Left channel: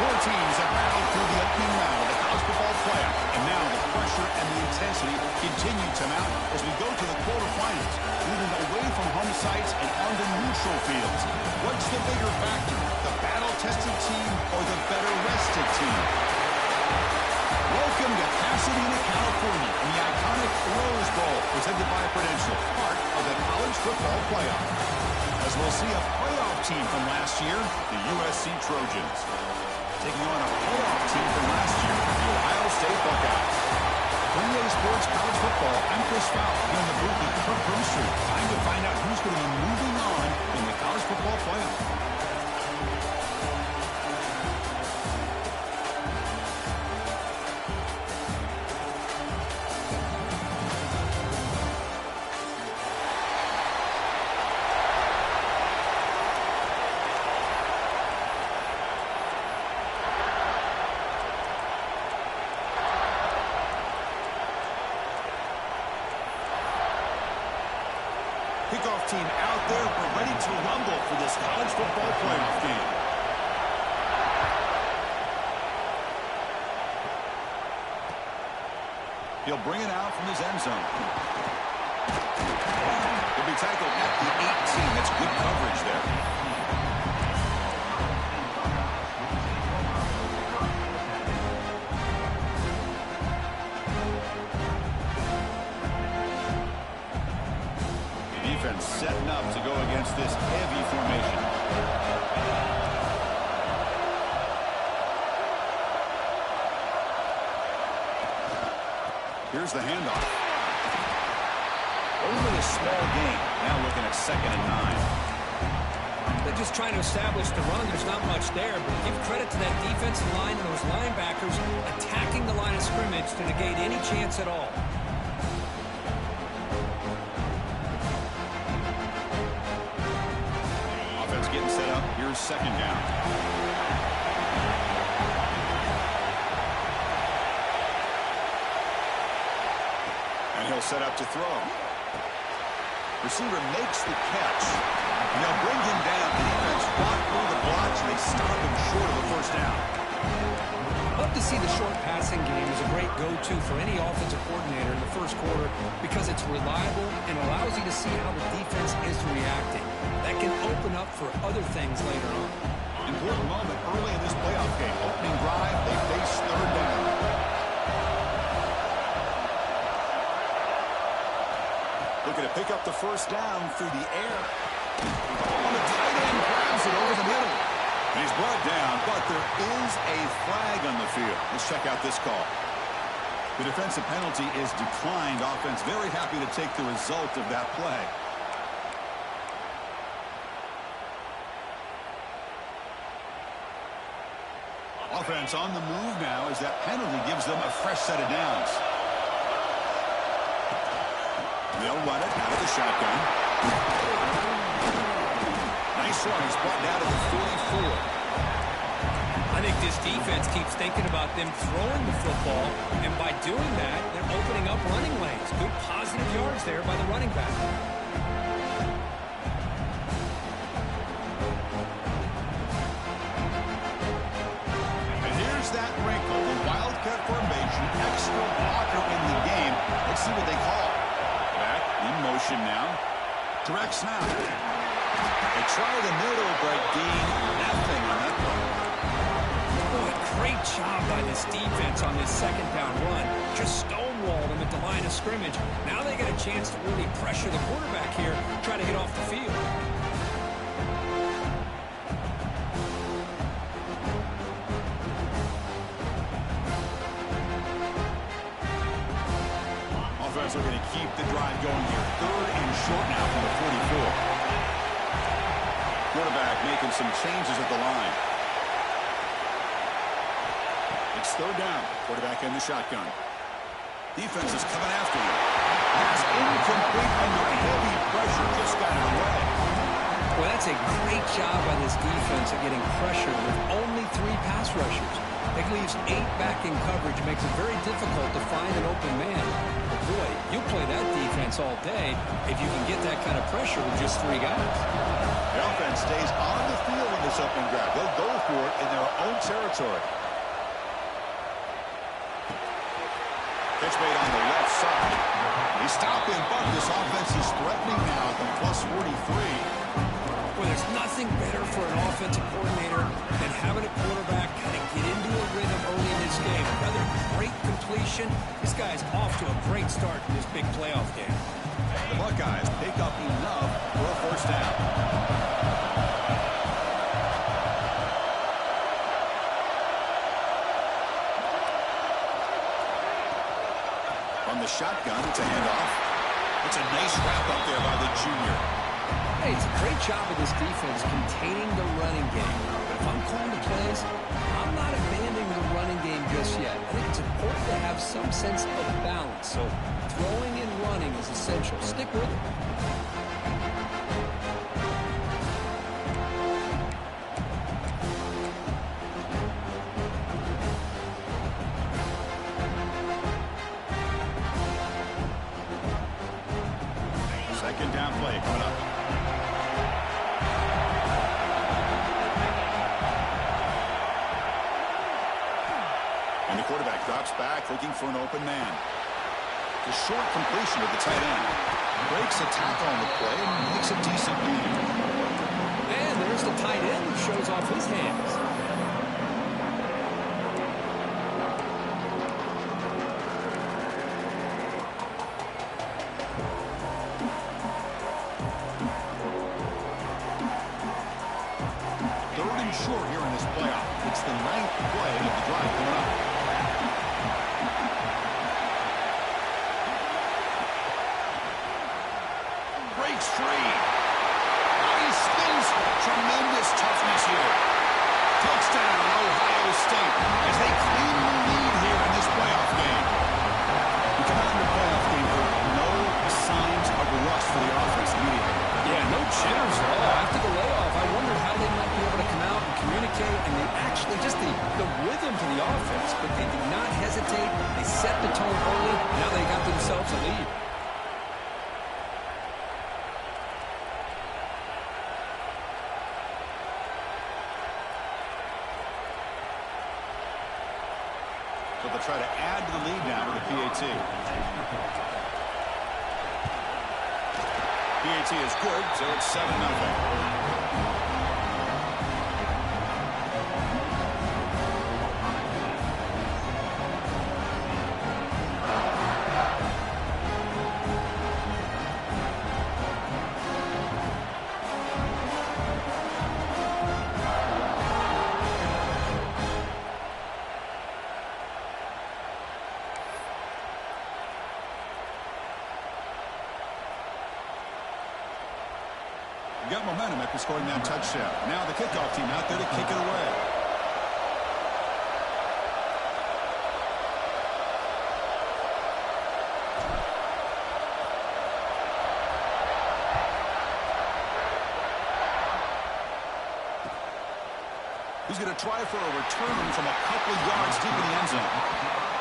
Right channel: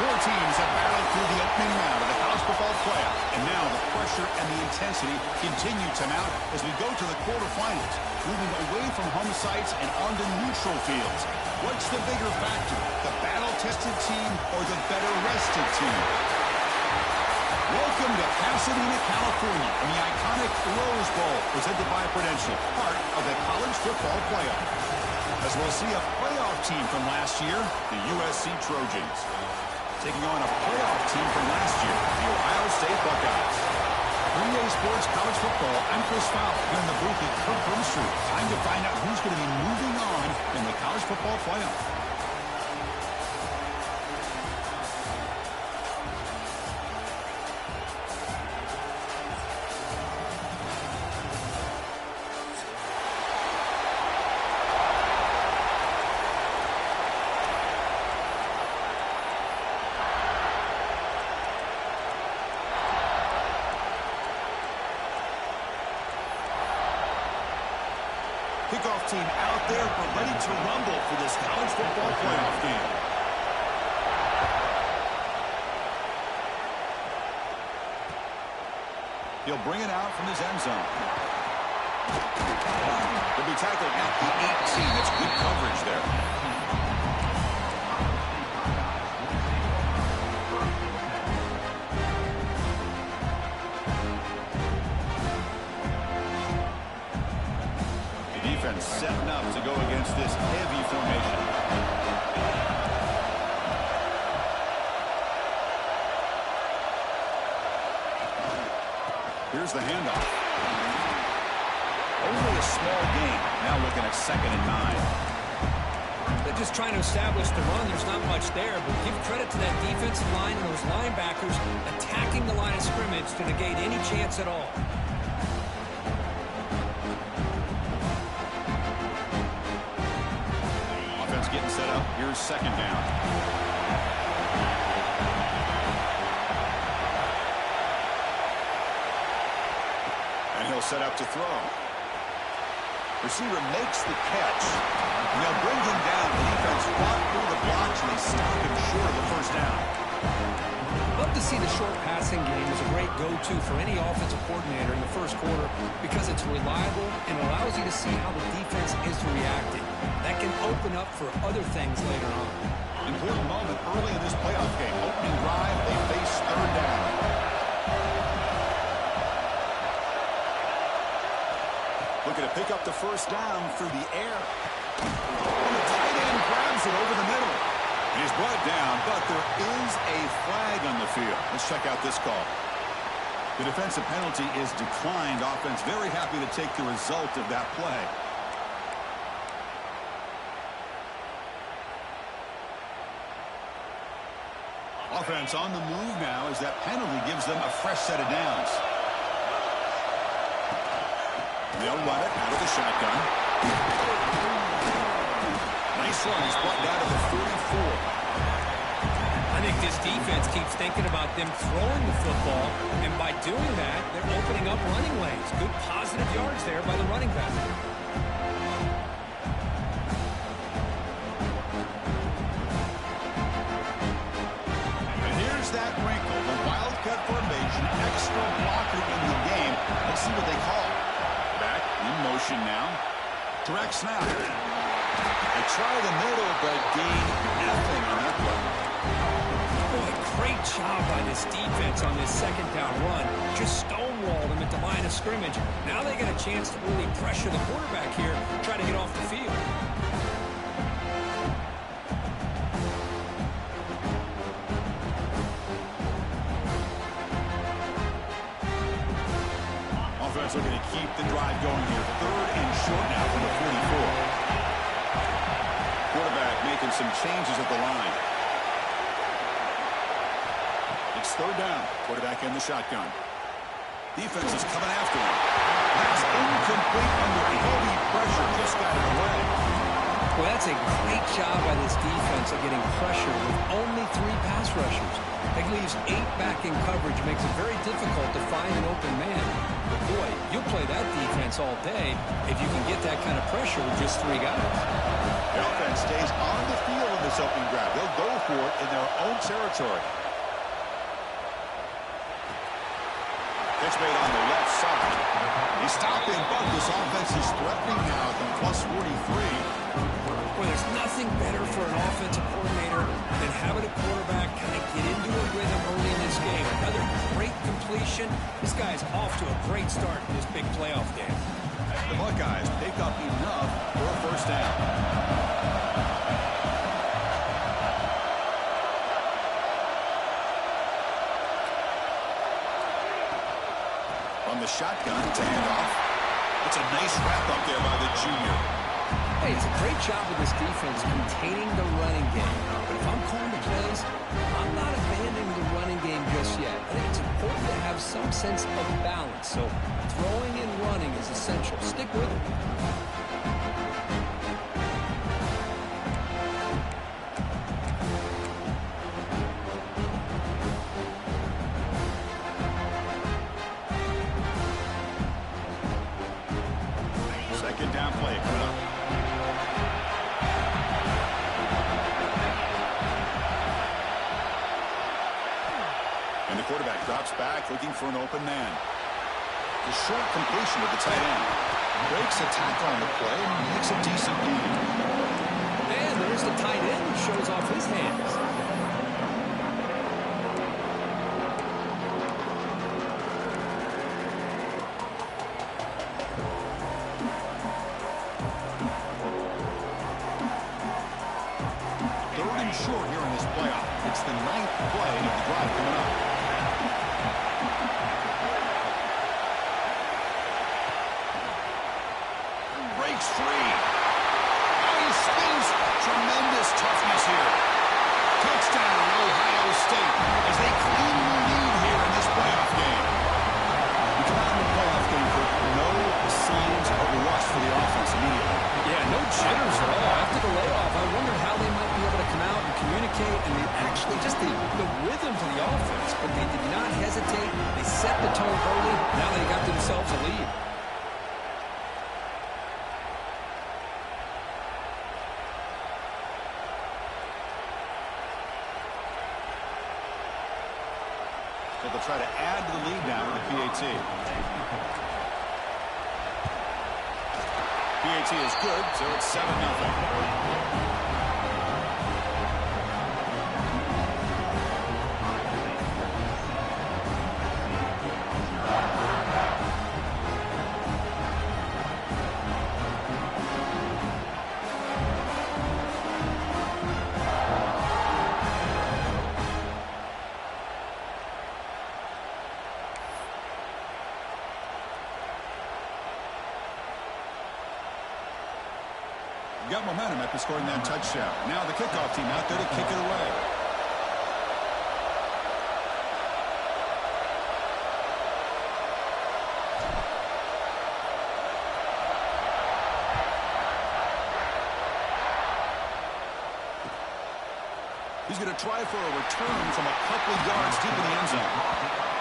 Four teams have battled through the opening round of the college football playoff, and now the pressure and the intensity continue to mount as we go to the quarterfinals, moving away from home sites and onto neutral fields. What's the bigger factor, the battle-tested team or the better-rested team? Welcome to Pasadena, California, in the iconic Rose Bowl, presented by Prudential, part of the college football playoff. As we'll see a playoff team from last year, the USC Trojans, taking on a playoff team from last year, the Ohio State Buckeyes. For EA Sports College Football, I'm Chris Fowler, here in the booth with Kirk Brewster. Time to find out who's going to be moving on in the college football playoff. Kickoff team out there, we're ready to rumble for this college football playoff game. He'll bring it out from his end zone. He'll be tackled at the 18. That's good coverage there. Defense setting up to go against this heavy formation. Here's the handoff. Only a small gain. Now looking at 2nd and 9. They're just trying to establish the run. There's not much there, but give credit to that defensive line and those linebackers attacking the line of scrimmage to negate any chance at all. Getting set up. Here's 2nd down. And he'll set up to throw. Receiver makes the catch. And they'll bring him down. The defense fought through the blocks, and they stop him short of the 1st down. Love to see the short passing game as a great go-to for any offensive coordinator in the 1st quarter because it's reliable and allows you to see how the defense is reacting. That can open up for other things later on. Important moment early in this playoff game. Opening drive, they face 3rd down. Looking to pick up the 1st down through the air. On the tight end, grabs it over the middle. And he's brought down, but there is a flag on the field. Let's check out this call. The defensive penalty is declined. Offense very happy to take the result of that play. Offense on the move now as that penalty gives them a fresh set of downs. They'll run it out of the shotgun. Nice run. He's brought down to the 44. I think this defense keeps thinking about them throwing the football, and by doing that, they're opening up running lanes. Good positive yards there by the running back. And here's that wrinkle, the wildcat formation, extra blocker in the game. Let's see what they call. Back in motion now. Direct snap. They try the middle, but gain nothing on that play. Boy, great job by this defense on this 2nd down run. Just stonewalled him at the line of scrimmage. Now they get a chance to really pressure the quarterback here, try to get off the field. Offense looking to keep the drive going here. 3rd and short now from the 44. Quarterback making some changes at the line. It's 3rd down. Quarterback in the shotgun. Defense is coming after him. Pass incomplete under heavy pressure. Just got it away. Well, that's a great job by this defense of getting pressure with only 3 pass rushers. That leaves 8 back in coverage. It makes it very difficult to find an open man. But boy, you'll play that defense all day if you can get that kind of pressure with just 3 guys. The offense stays on the field in this opening grab. They'll go for it in their own territory. Pitch made on the left side. He stopped him, but this offense is threatening now at the plus 43. Well, there's nothing better for an offensive coordinator than having a quarterback kind of get into a rhythm early in this game. Another great completion. This guy's off to a great start in this big playoff game. The Buckeyes pick up enough for a first down. From the shotgun to handoff. It's a nice wrap up there by the junior. Hey, it's a great job of this defense containing the running game. But if I'm calling the plays, I'm not abandoning the running game just yet. I think it's important to have some sense of balance. So throwing and running is essential. Stick with it. Second down play coming up. And the quarterback drops back looking for an open man. The short completion of the tight end. Breaks a tackle on the play and makes a decent gain. And there's the tight end who shows off his hands. Short here in this playoff. It's the 9th play of the drive coming up. Breaks free. Now he spins. Tremendous toughness here. Touchdown, Ohio State, as they claim the lead here in this playoff game. We come out in the playoff game for no signs of rust for the offense immediately. Yeah, no jitters at all. After the layoff, I wondered how they might be able to come out and communicate and actually just the rhythm to the offense. But they did not hesitate. They set the tone early. Now they got themselves a lead. So they'll try to add to the lead now with the PAT. PAT is good, so it's 7-0. Got momentum after scoring that touchdown. Now the kickoff team out there to kick it away. He's going to try for a return from a couple of yards deep in the end zone.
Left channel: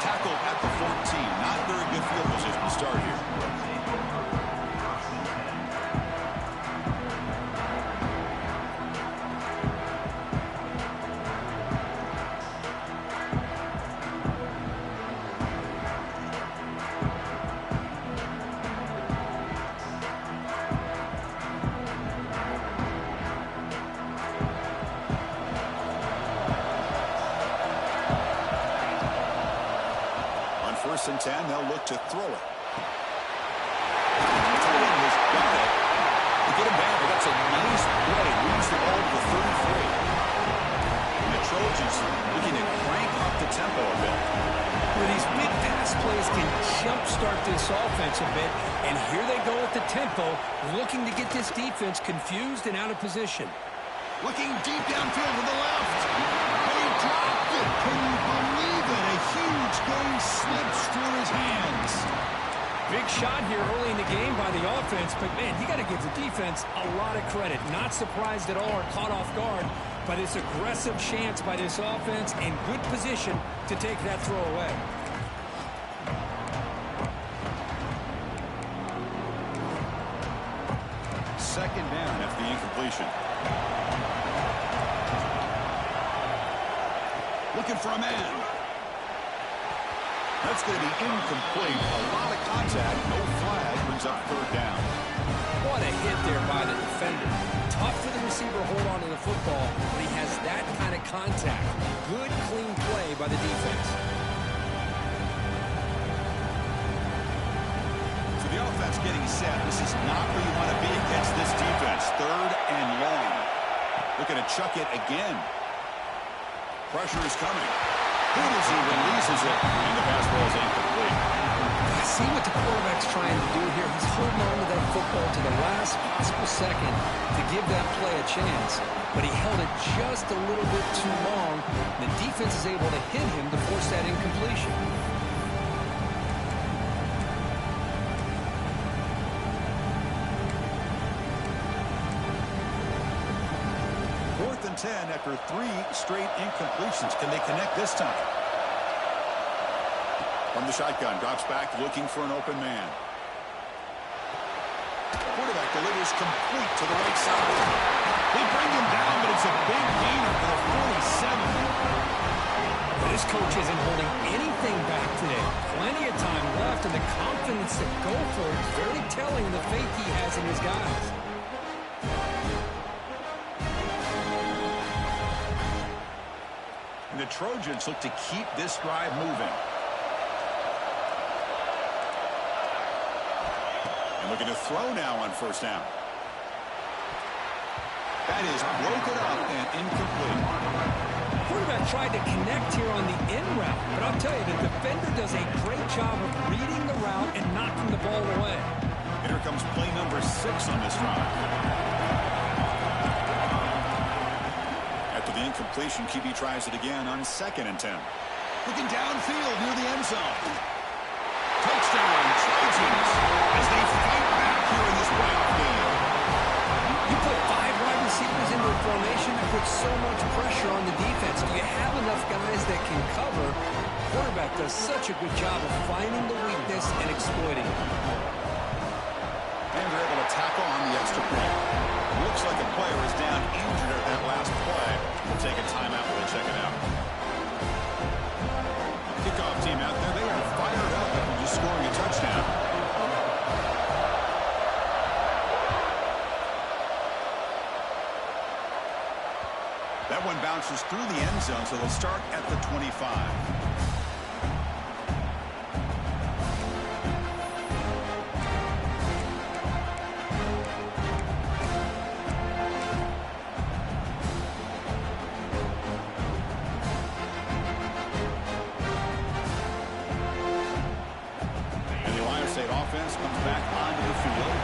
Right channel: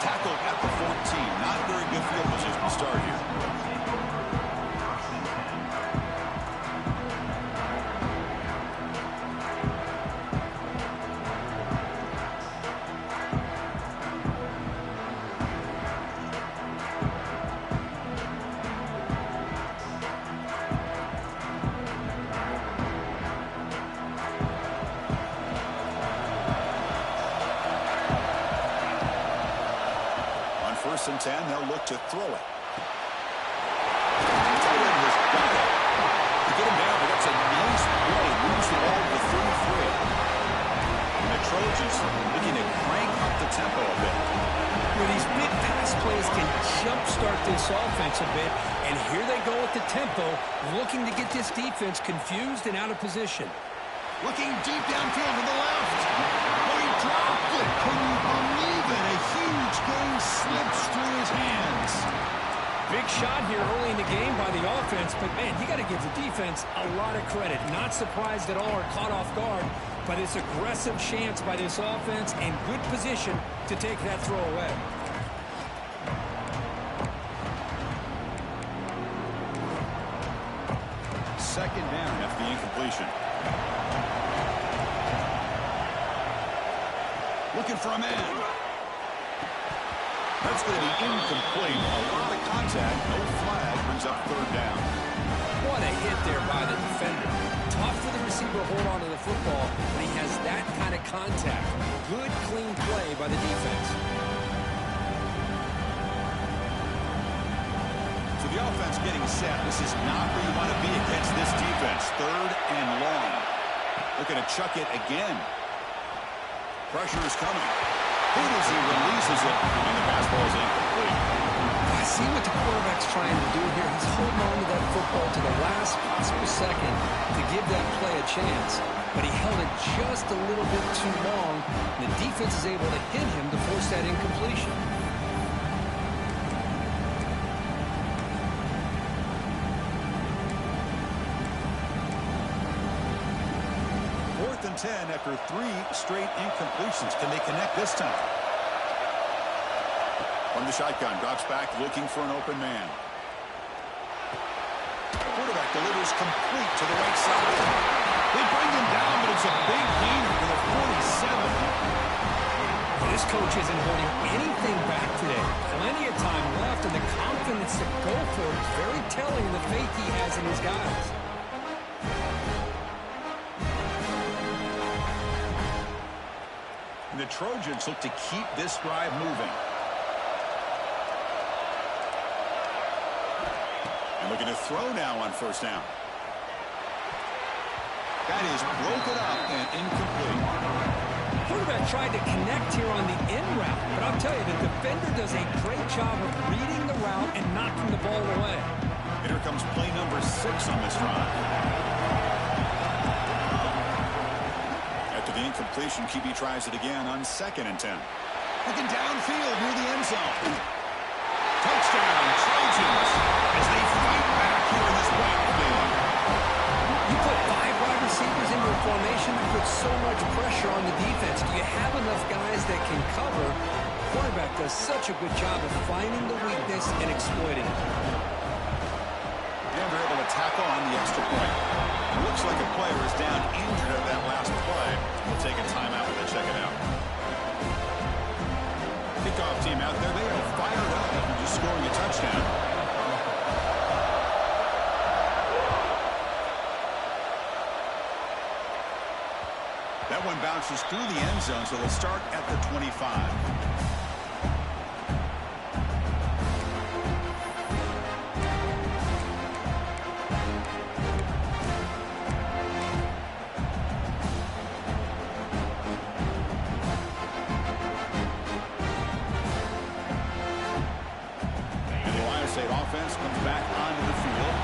Tackled at the 14. Not very good field position to start here. First and 10, they'll look to throw it. The tight end has got it. To get him down, but that's a nice play. Moves the ball to the 33. And the Trojans looking to crank up the tempo a bit. Well, these big pass plays can jumpstart this offense a bit. And here they go with the tempo, looking to get this defense confused and out of position. Looking deep downfield to the left. Oh, he dropped it. Can you believe it? A huge gain slips through his hands. Big shot here early in the game by the offense, but, man, you got to give the defense a lot of credit. Not surprised at all or caught off guard by this aggressive chance by this offense and good position to take that throw away. Second down after the incompletion. Looking for a man. That's going to be incomplete. A lot of contact. No flag. Brings up third down. What a hit there by the defender. Tough for the receiver to hold on to the football, but he has that kind of contact. Good, clean play by the defense. So the offense getting set. This is not where you want to be against this defense. Third and long. Looking to chuck it again. Pressure is coming. Who does he releases it, and the pass ball is incomplete. I see what the quarterback's trying to do here. He's holding on to that football to the last possible second to give that play a chance. But he held it just a little bit too long. The defense is able to hit him to force that incompletion. Fourth and 10 after 3 straight incompletions. Can they connect this time? From the shotgun, drops back looking for an open man. Quarterback delivers complete to the right side. They bring him down, but it's a big gainer for the 47. This coach isn't holding anything back today. Plenty of time left, and the confidence to go for it is very telling in the faith he has in his guys. And the Trojans look to keep this drive moving. And looking to throw now on first down. That is broken up and incomplete. Quarterback tried to connect here on the in route, but I'll tell you, the defender does a great job of reading the route and knocking the ball away. And here comes play number 6 on this drive. After the incompletion, QB tries it again on 2nd and 10. Looking downfield near the end zone. Touchdown, Trojans, as they fight back here in this playoff game. You put 5 wide receivers into a formation that puts so much pressure on the defense. Do you have enough guys that can cover? Quarterback does such a good job of finding the weakness and exploiting it. And they're able to tackle on the extra point. Looks like a player is down injured at that last play. We'll take a timeout while they check it out. Kickoff team out there, they are fired up after just scoring a touchdown. That one bounces through the end zone, so they'll start at the 25. Offense comes back onto the field.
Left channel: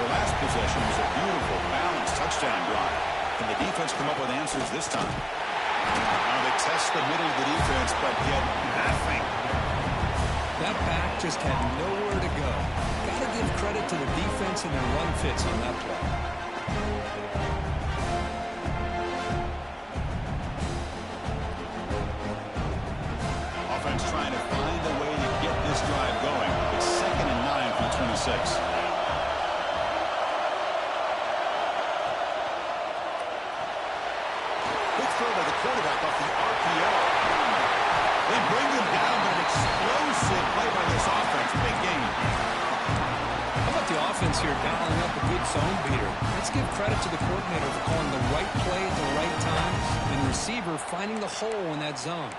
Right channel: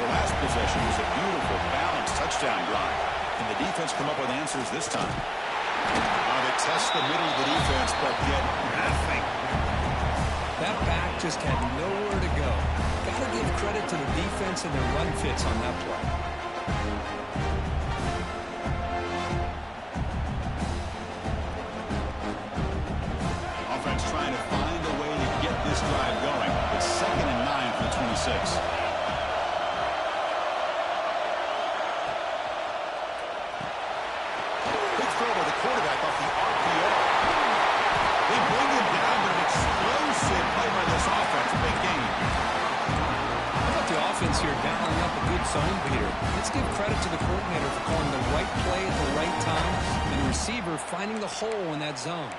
The last possession was a beautiful, balanced touchdown drive. Can the defense come up with answers this time? They test the middle of the defense, but get nothing. That back just had nowhere to go. Got to give credit to the defense and their run fits on that play. Offense trying to find a way to get this drive going. It's 2nd and 9 for the 26. Quick throw by the quarterback off the RPO. They bring him down, but an explosive play by this offense. Big game. How about the offense here dialing up a good zone beater? Let's give credit to the coordinator for calling the right play at the right time and the receiver finding the hole in that zone.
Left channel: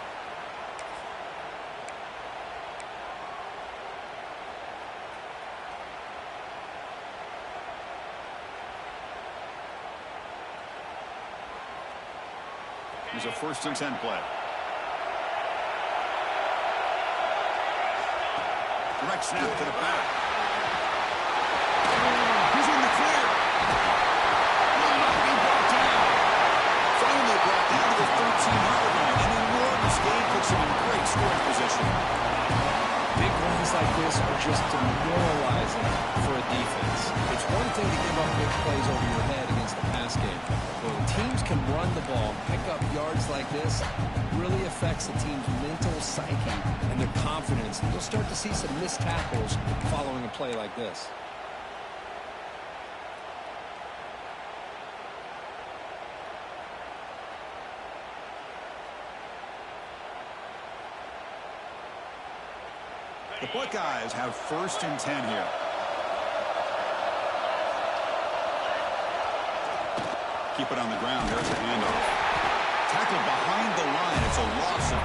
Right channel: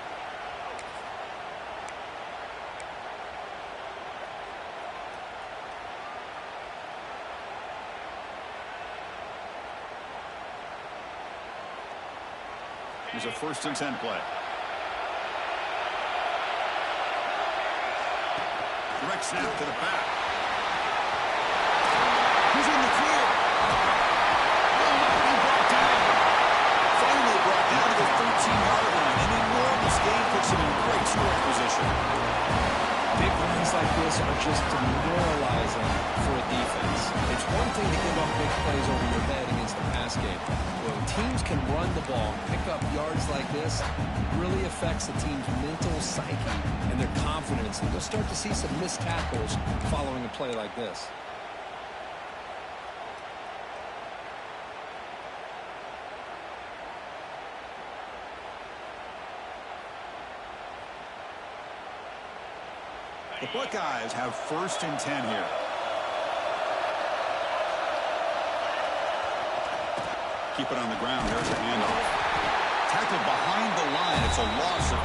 Here's a 1st and 10 play. Direct snap to the back. He's in the clear. Will not be brought down. Finally brought down to the 13-yard line. An enormous gain puts him in great scoring position. Big runs plays like this are just demoralizing for a defense. It's one thing to give up big plays over your head against the pass game. But when teams can run the ball and pick up yards like this, it really affects the team's mental psyche and their confidence. And you'll start to see some missed tackles following a play like this. The Buckeyes have 1st and 10 here. Keep it on the ground. There's a handoff. Tackled behind the line. It's a loss of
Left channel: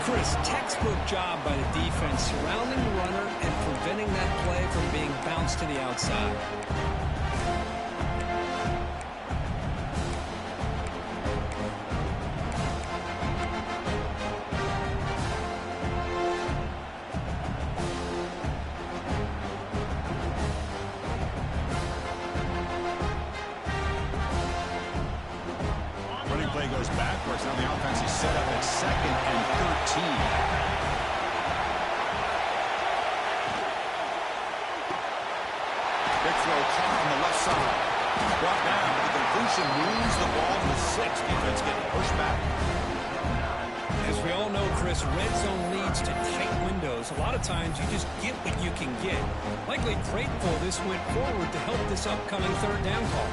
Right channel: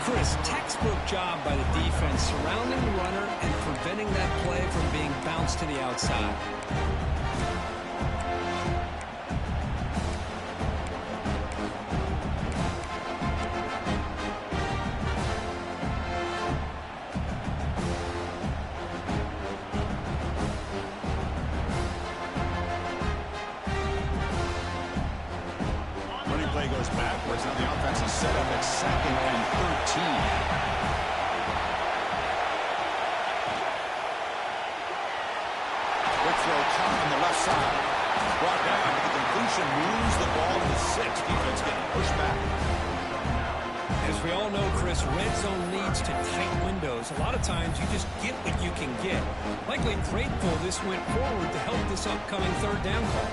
2. Chris, textbook job by the defense surrounding the runner and preventing that play from being bounced to the outside. Play goes backwards. Now the offense is set up at 2nd and 13. Quick throw caught on the left side. Brought down, but the completion moves the ball to the 6. Defense getting pushed back. As we all know, Chris, red zone leads to tight windows. A lot of times you just get what you can get. Likely grateful this went forward to help this upcoming 3rd down call.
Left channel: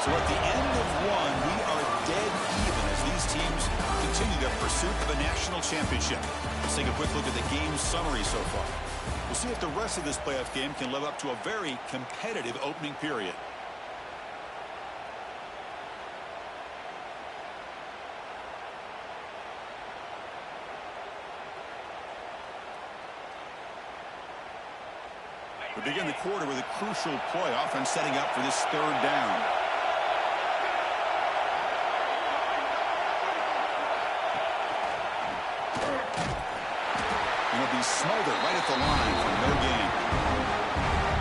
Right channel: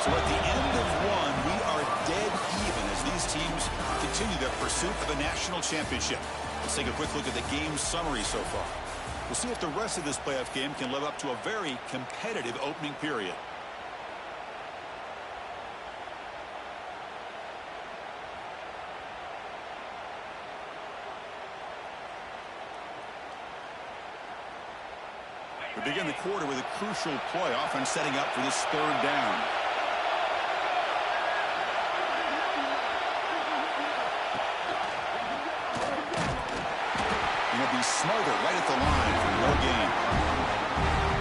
So at the end of 1, we are dead even as these teams continue their pursuit of a national championship. Let's take a quick look at the game summary so far. We'll see if the rest of this playoff game can live up to a very competitive opening period. We begin the quarter with a crucial play, offense setting up for this 3rd down. Be smothered right at the line for no gain.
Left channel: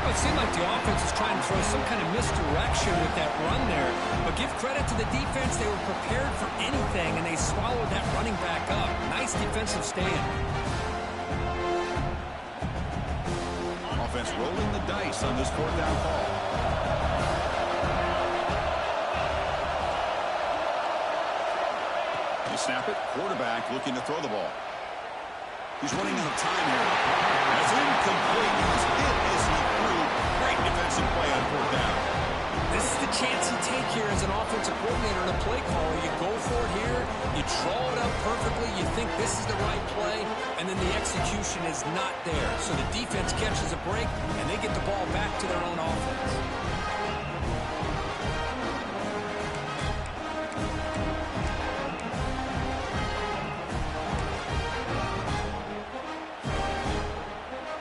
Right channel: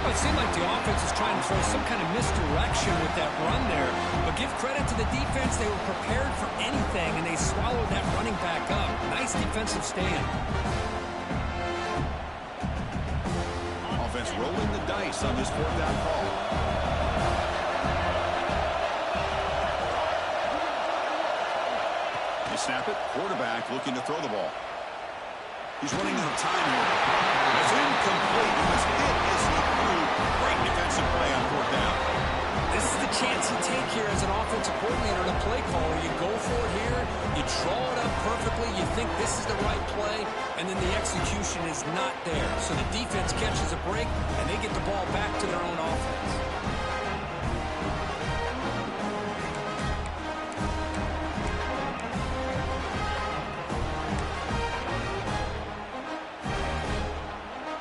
Well, it seemed like the offense is trying to throw some kind of misdirection with that run there. But give credit to the defense. They were prepared for anything, and they swallowed that running back up. Nice defensive stand. Offense rolling the dice on this 4th down call. You snap it. Quarterback looking to throw the ball. He's running out of time here. That's incomplete. He was hit as he threw. Great defensive play on 4th down. This is the chance you take here as an offensive coordinator and a play caller. You go for it here. You draw it up perfectly. You think this is the right play, and then the execution is not there. So the defense catches a break, and they get the ball back to their own offense.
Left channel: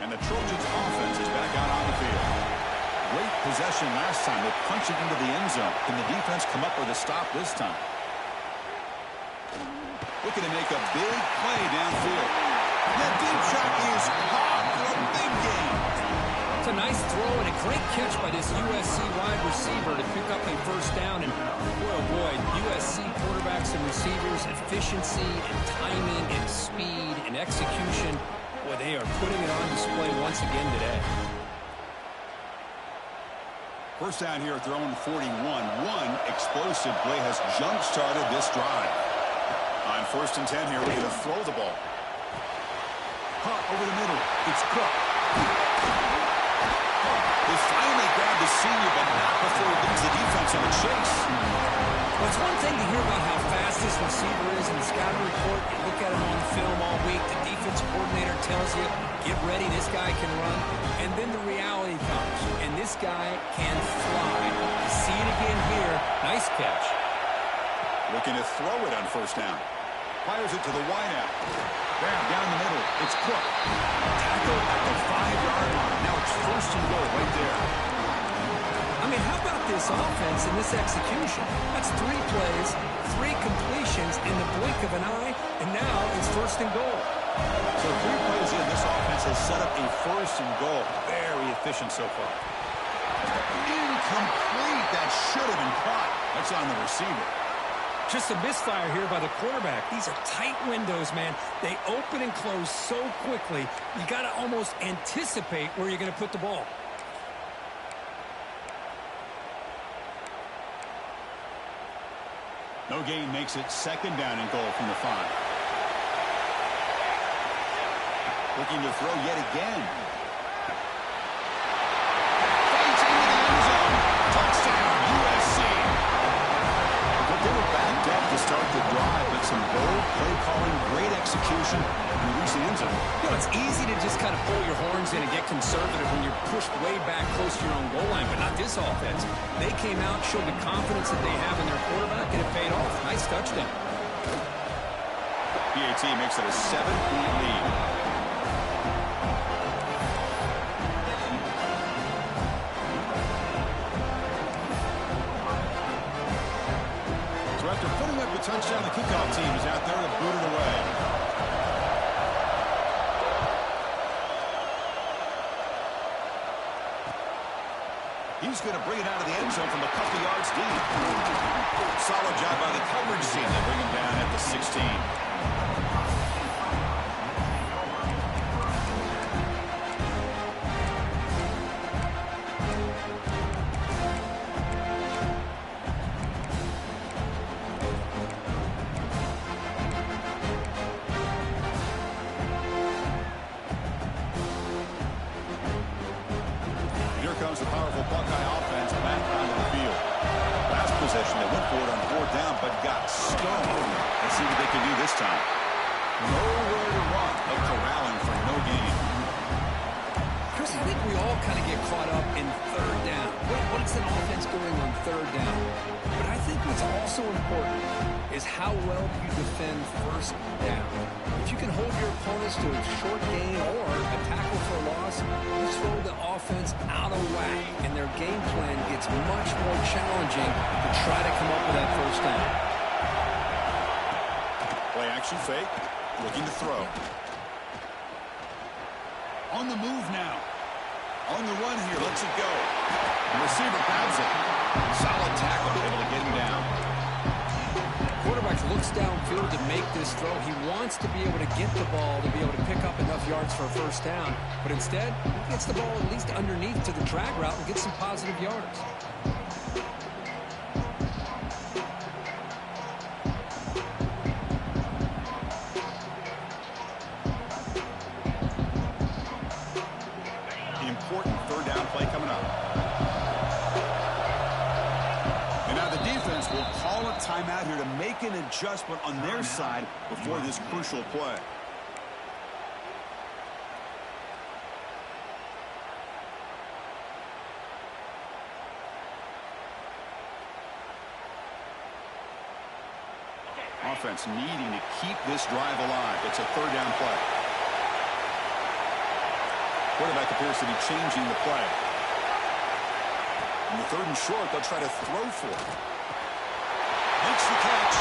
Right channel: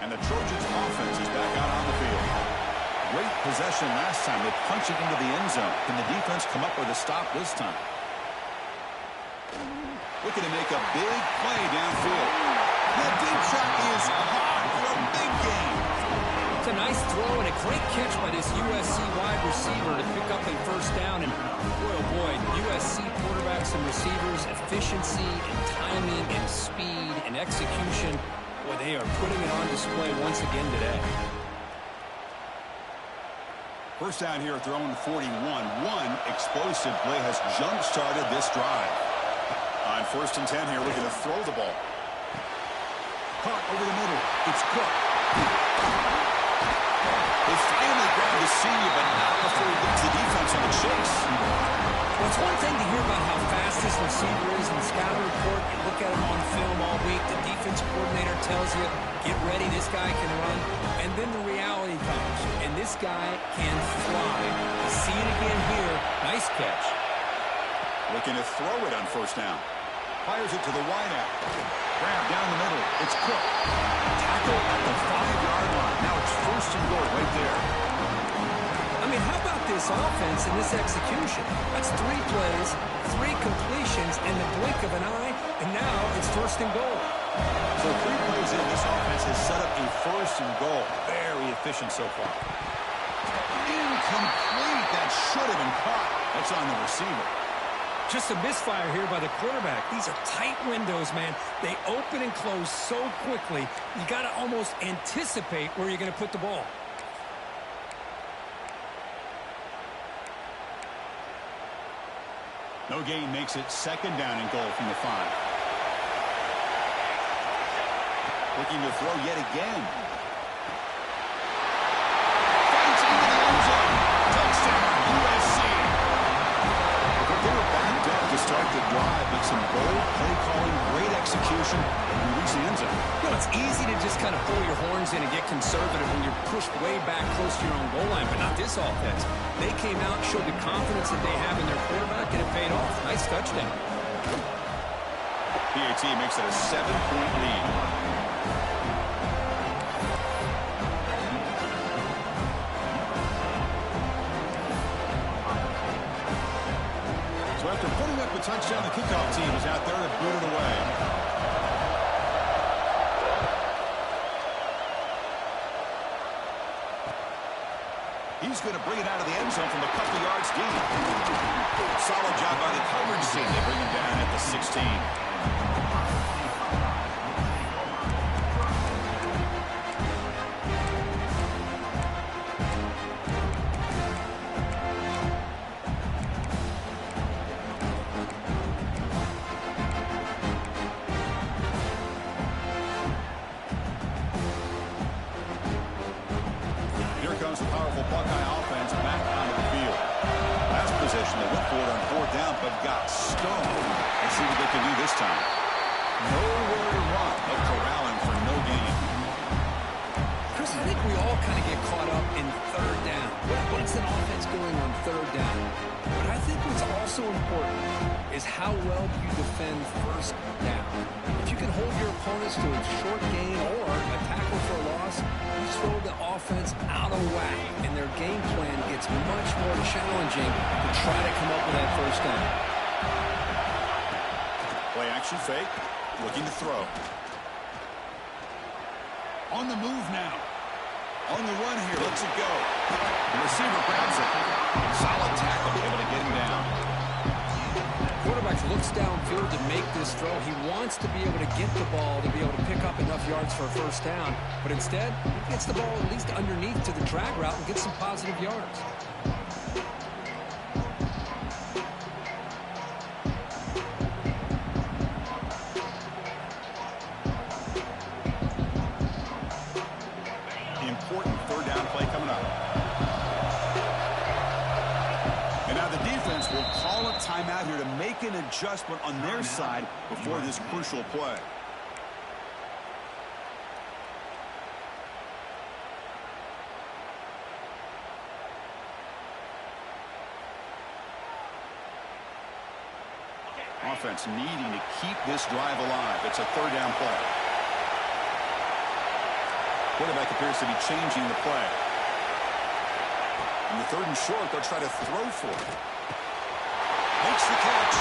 And the Trojans' offense is back out on the field. Great possession last time. They punch it into the end zone. Can the defense come up with a stop this time? Looking to make a big play downfield. That deep shot is caught for a big gain. It's a nice throw and a great catch by this USC wide receiver to pick up a 1st down. And boy, oh boy, USC quarterbacks and receivers, efficiency and timing and speed and execution. Boy, they are putting it on display once again today. 1st down here at their own 41. One explosive play has jump-started this drive. On 1st and 10 here, looking to throw the ball. Caught over the middle. It's Cook. They finally grabbed the senior, but not before he leads the defense in the chase. Well, it's one thing to hear about how fast this receiver is in the scouting report. You look at him on film all week. The defense coordinator tells you, get ready, this guy can run. And then the reality comes, and this guy can fly. You see it again here. Nice catch. Looking to throw it on 1st down. Fires it to the wideout. Grab down the middle. It's Cook. Tackle at the 5-yard line. Now it's 1st and goal right there. I mean, how about this offense and this execution? That's 3 plays, 3 completions in the blink of an eye, and now it's 1st and goal. So 3 plays in, this offense has set up a 1st and goal. Very efficient so far. Incomplete. That should have been caught. That's on the receiver. Just a misfire here by the quarterback. These are tight windows, man. They open and close so quickly, you got to almost anticipate where you're going to put the ball. No gain makes it second down and goal from the 5. Looking to throw yet again. Fights into the end zone. Touchdown, USC. They were backed up to start the drive, but some bold play calling, great execution, and reach the end zone. You know, it's easy to just kind of pull your horns in and get conservative when you're pushed way back close to your own goal line, but not this offense. They came out, showed the confidence that they have in their quarterback, and it paid off. Nice touchdown. PAT makes it a 7-point lead. So after putting up a touchdown, the kickoff team is out there to boot it away. He's going to bring it out of the end zone from a couple yards deep. Solid job by the coverage team. They bring him down at the 16. Here comes the powerful Buckeye offense back onto the field. Last possession, they went for it on 4th down, but got stoned. Let's see what they can do this time. Nowhere to run. They'll corral him for no gain. Chris, I think we all kind of get caught up in 3rd down. What's an offense doing on 3rd down? But I think what's also important is how well you defend 1st down. If you can hold your opponents to a short gain or a tackle for a loss, you throw the offense out of whack, and their game plan gets much more challenging to try to come up with that 1st down. Play action fake, looking to throw. On the move now. On the run here, lets it go. The receiver grabs it. Solid tackle, able to get him down. Quarterback looks downfield to make this throw. He wants to be able to get the ball to be able to pick up enough yards for a 1st down. But instead, he gets the ball at least underneath to the drag route and gets some positive yards. Important 3rd down play coming up. And now the defense will call a timeout here to make an adjustment on their side before this crucial play. Offense needing to keep this drive alive. It's a 3rd down play. Quarterback appears to be changing the play. In the 3rd and short, they'll try to throw for it. Makes the catch.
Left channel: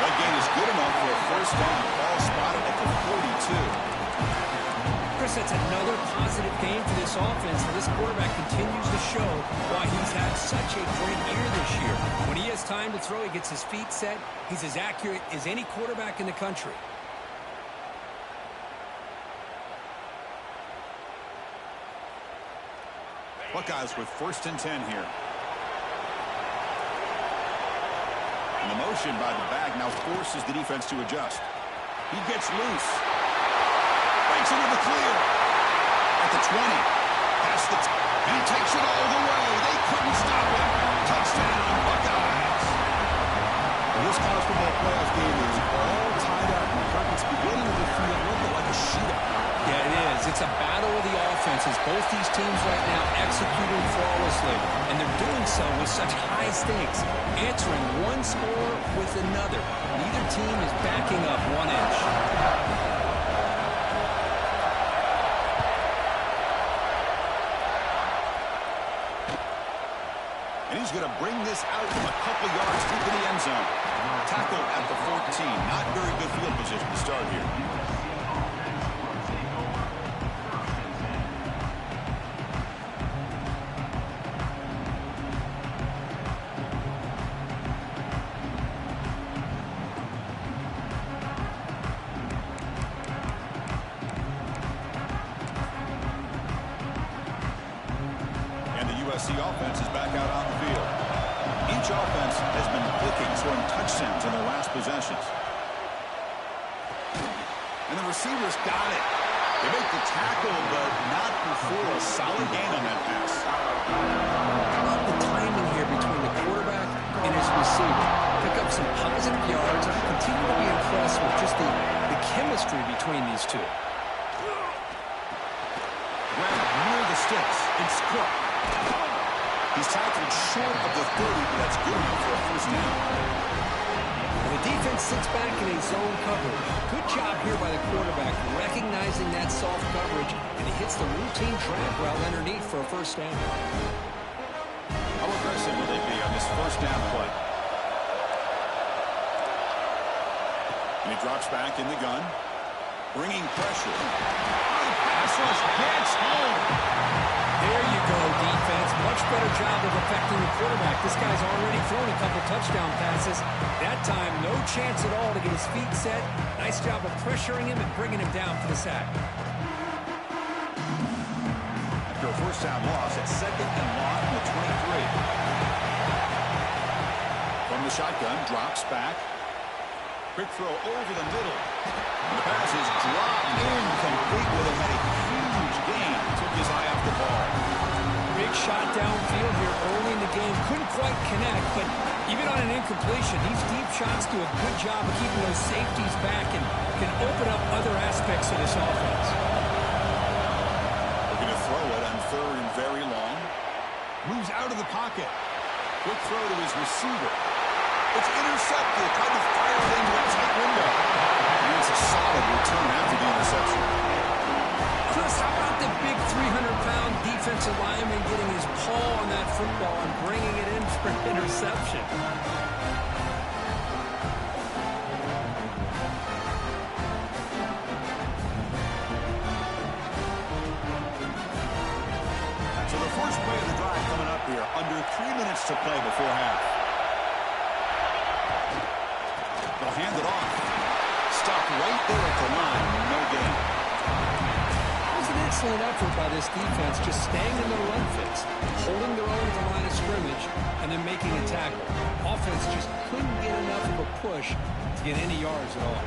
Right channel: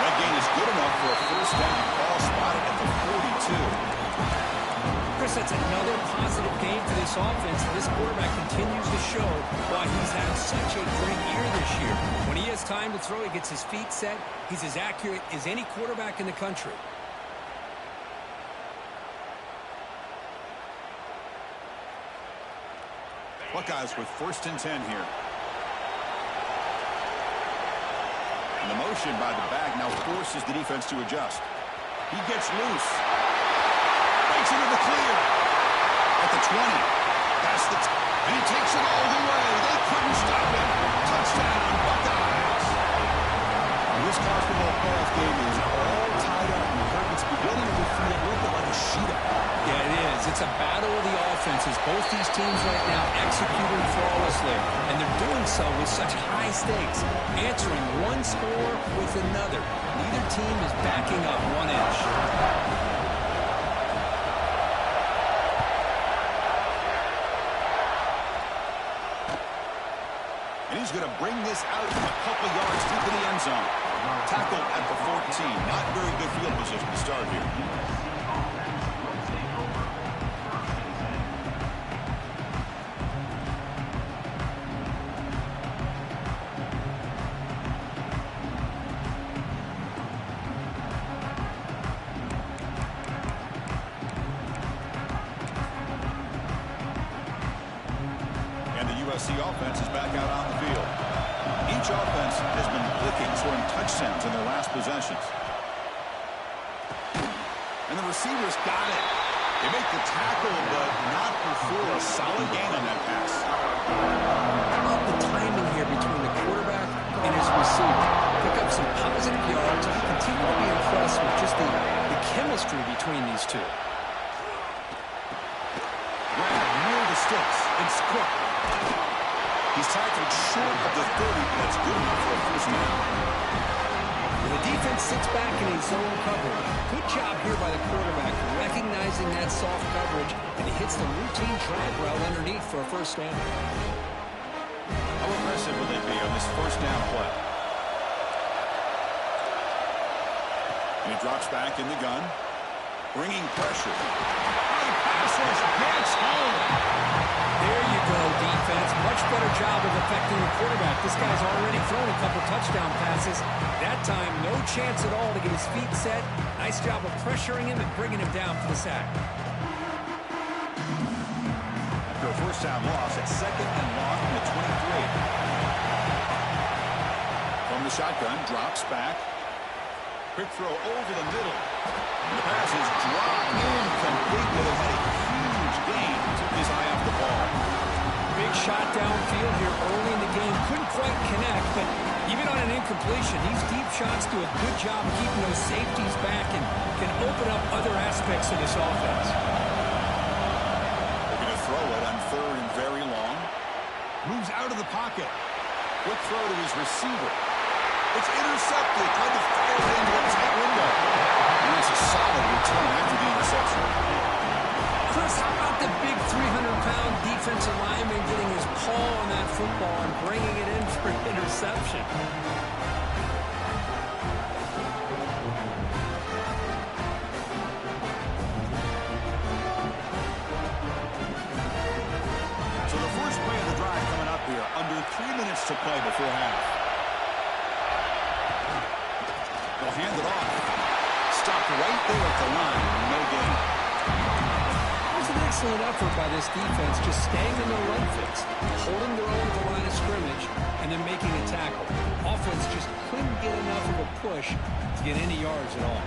That gain is good enough for a 1st down. Ball spotted at the 42. Chris, that's another positive game for this offense. And this quarterback continues to show why he's had such a great year this year. When he has time to throw, he gets his feet set. He's as accurate as any quarterback in the country. Buckeyes with 1st and 10 here. And the motion by the back now forces the defense to adjust. He gets loose. Breaks into the clear. At the 20. Past the and he takes it all the way. They couldn't stop him. Touchdown, Buckeyes. This college football playoff game is all tied up. And it's beginning to feel a little bit like a shootout. Yeah, it is. It's a battle of the offenses. Both these teams right now executing flawlessly, and they're doing so with such high stakes, answering one score with another. Neither team is backing up 1 inch. And he's going to bring this out from a couple yards deep in the end zone. Tackled at the 14. Not very good field position to start here. USC offense is back out on the field. Each offense has been clicking, scoring touchdowns in their last possessions. And the receivers got it. They make the tackle, but not before a solid gain on that pass. I love the timing here between the quarterback and his receiver. Pick up some positive yards. I continue to be impressed with just the chemistry between these two. Grab near the sticks. It's Cook. He's tackled short of the 30, but that's good enough for a first down. The defense sits back in a zone coverage. Good job here by the quarterback recognizing that soft coverage, and he hits the routine drag route underneath for a first down. How aggressive will they be on this first down play? And he drops back in the gun, bringing pressure. Oh, the pass rush gets home. There you go, defense. Much better job of affecting the quarterback. This guy's already thrown a couple touchdown passes. That time, no chance at all to get his feet set. Nice job of pressuring him and bringing him down for the sack. After a first down loss, it's second and long from the 23. From the shotgun, drops back. Quick throw over the middle. And the pass is dropped incomplete with it. Had a huge gain. Took his eye off the ball. Big shot downfield here early in the game. Couldn't quite connect, but even on an incompletion, these deep shots do a good job of keeping those safeties back and can open up other aspects of this offense. Looking to throw it on third and very long. Moves out of the pocket. Quick throw to his receiver. It's intercepted. Tried to fire it into a tight window. And it's a solid return after the interception. Chris, how about the big 300-pound defensive lineman getting his paw on that football and bringing it in for an interception? So the first play of the drive coming up here. Under 3 minutes to play before half. They'll hand it off. Stopped right there at the line. No gain. It was an excellent effort by this defense, just staying in their run fits, holding their own at the line of scrimmage, and then making a tackle. Offense just couldn't get enough of a push to get any yards at all.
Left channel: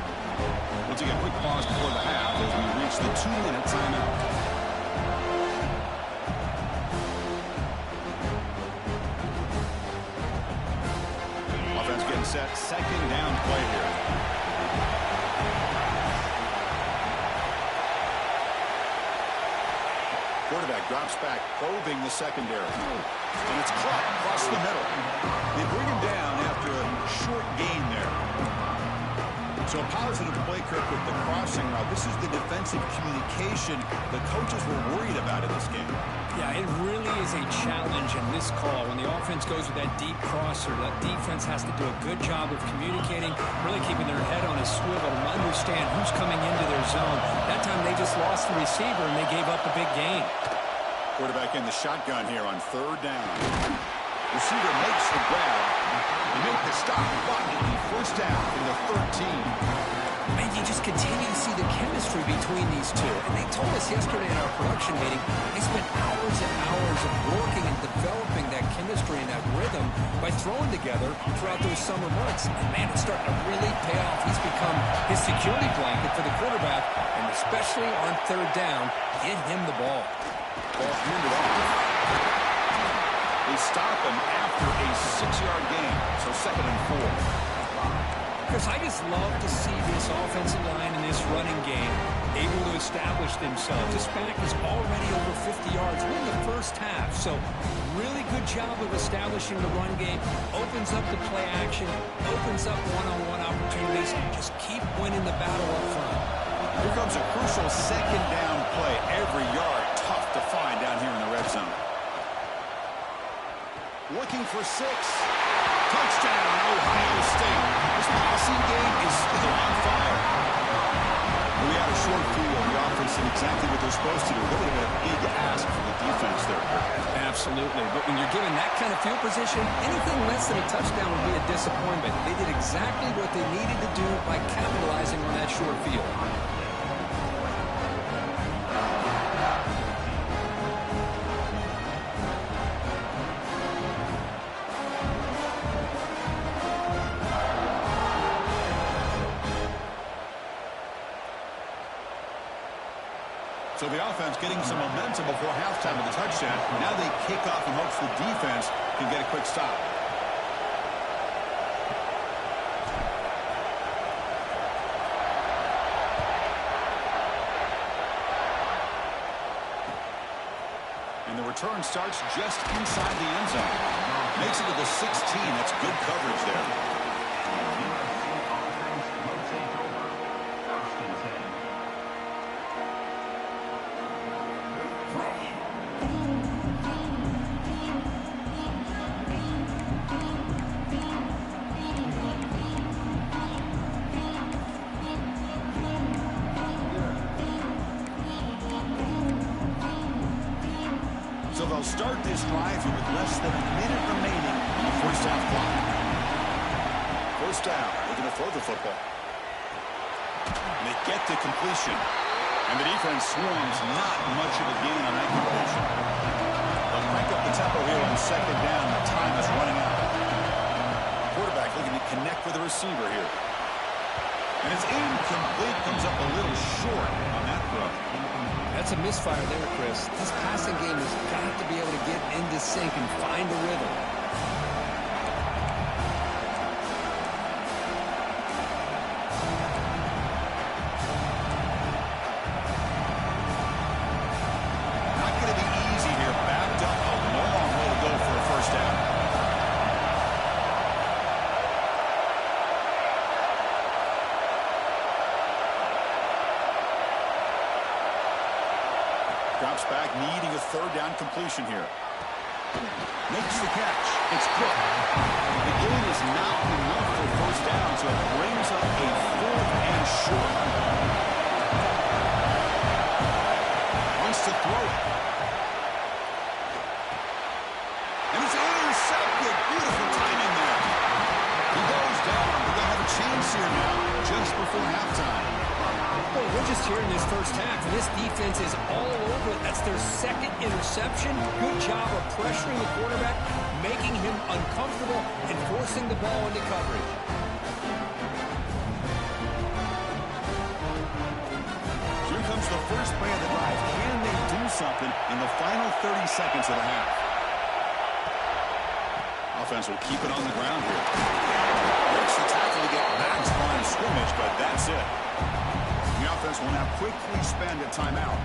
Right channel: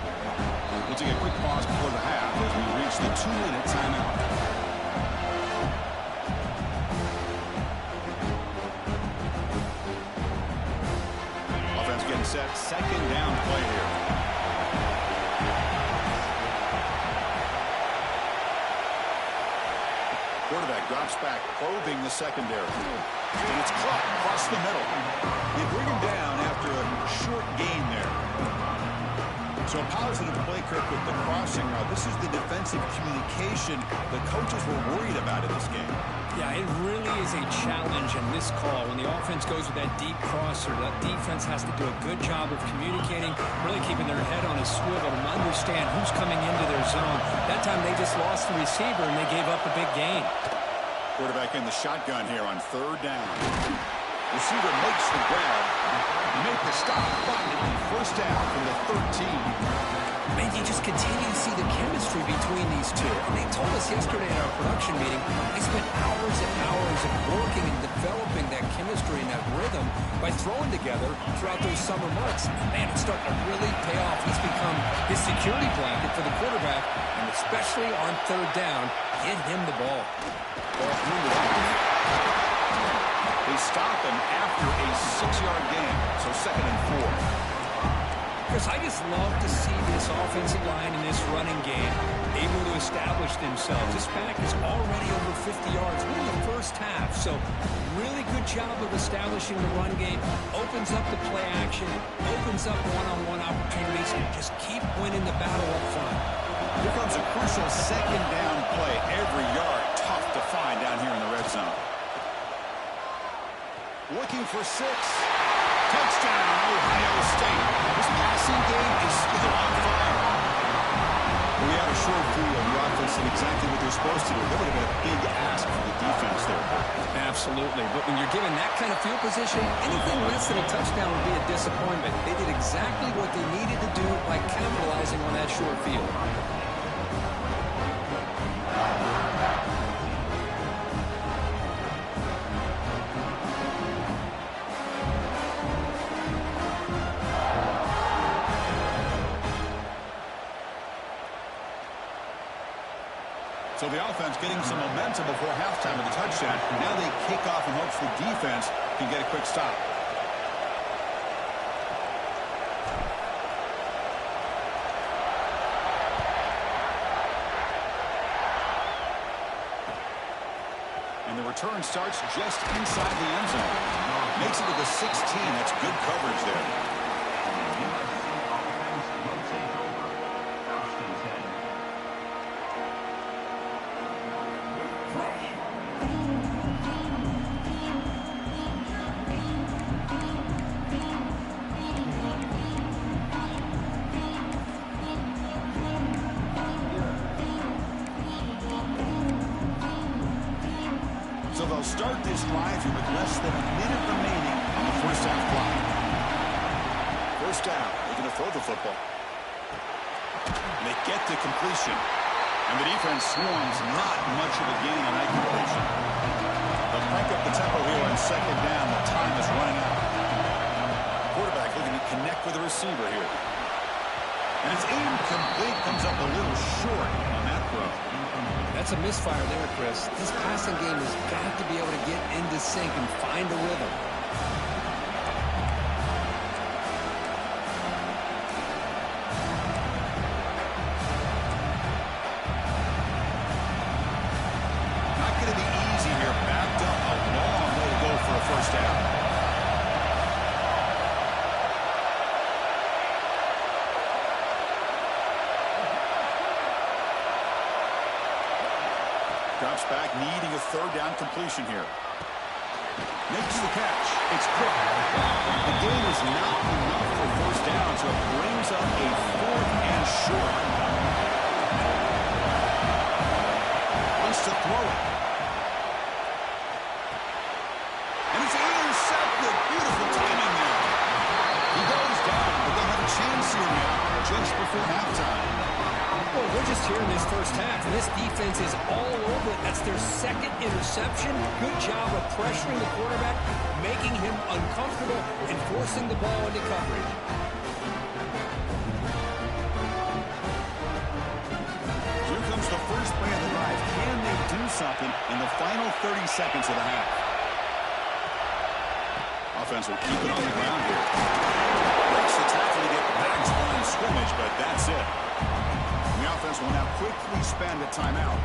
We'll take a quick pause before the half as we reach the 2-minute timeout. Offense getting set. Second down play here. Quarterback drops back, probing the secondary. And it's caught across the middle. They bring him down after a short gain there. So a positive play, Kirk, with the crossing route. This is the defensive communication the coaches were worried about in this game. Yeah, it really is a challenge in this call. When the offense goes with that deep crosser, that defense has to do a good job of communicating, really keeping their head on a swivel to understand who's coming into their zone. That time they just lost the receiver and they gave up a big gain. Quarterback in the shotgun here on third down. Receiver makes the grab. He made the stop, but it'll be first down from the 13. Man, you just continue to see the chemistry between these two. And they told us yesterday in our production meeting, they spent hours and hours of working and developing that chemistry and that rhythm by throwing together throughout those summer months. And man, it's starting to really pay off. He's become his security blanket for the quarterback, and especially on third down, get him the ball. Ball handed off. They stop him after a 6-yard gain, so second and 4. Chris, I just love to see this offensive line in this running game able to establish themselves. This back is already over 50 yards. We're in the first half, so really good job of establishing the run game. Opens up the play action, opens up one-on-one opportunities. Just keep winning the battle up front. Here comes a crucial second down play. Every yard tough to find down here in the red zone. Looking for 6. Touchdown, Ohio State. This passing game is still on fire. We had a short field. The offense did exactly what they're supposed to do. That would have been a big ask for the defense there. Absolutely. But when you're given that kind of field position, anything less than a touchdown would be a disappointment. They did exactly what they needed to do by capitalizing on that short field. So the offense getting some momentum before halftime with the touchdown. Now they kick off in hopes the defense can get a quick stop. And the return starts just inside the end zone. Makes it to the 16. That's good coverage there. So they'll start this drive here with less than a minute remaining on the first half clock. First down, looking to throw the football. And they get to completion. And the defense swarms, not much of a gain on that completion. They'll crank up the tempo here on second down. The time is running out. Quarterback looking to connect with the receiver here. And it's incomplete, comes up a little short on that throw. That's a misfire there, Chris. This passing game has got to be able to get into sync and find a rhythm. Not going to be easy here. Backed up a long way to go for a first down. Drops back, needing a third down completion here. Makes the catch. It's Cook. The gain is not enough for first down, so it brings up a fourth and short. Wants to throw it. And it's intercepted. Beautiful timing there. He goes down, but they'll have a chance here now, just before halftime. Well, we're just here in this first half, and this defense is all over it. That's their second interception. Good job of pressuring the quarterback, making him uncomfortable, and forcing the ball into coverage. Here comes the first play of the drive. Can they do something in the final 30 seconds of the half? Offense will keep it on the ground here. Breaks the tackle to get back to the line of scrimmage, but that's it. The offense will now quickly spend a timeout.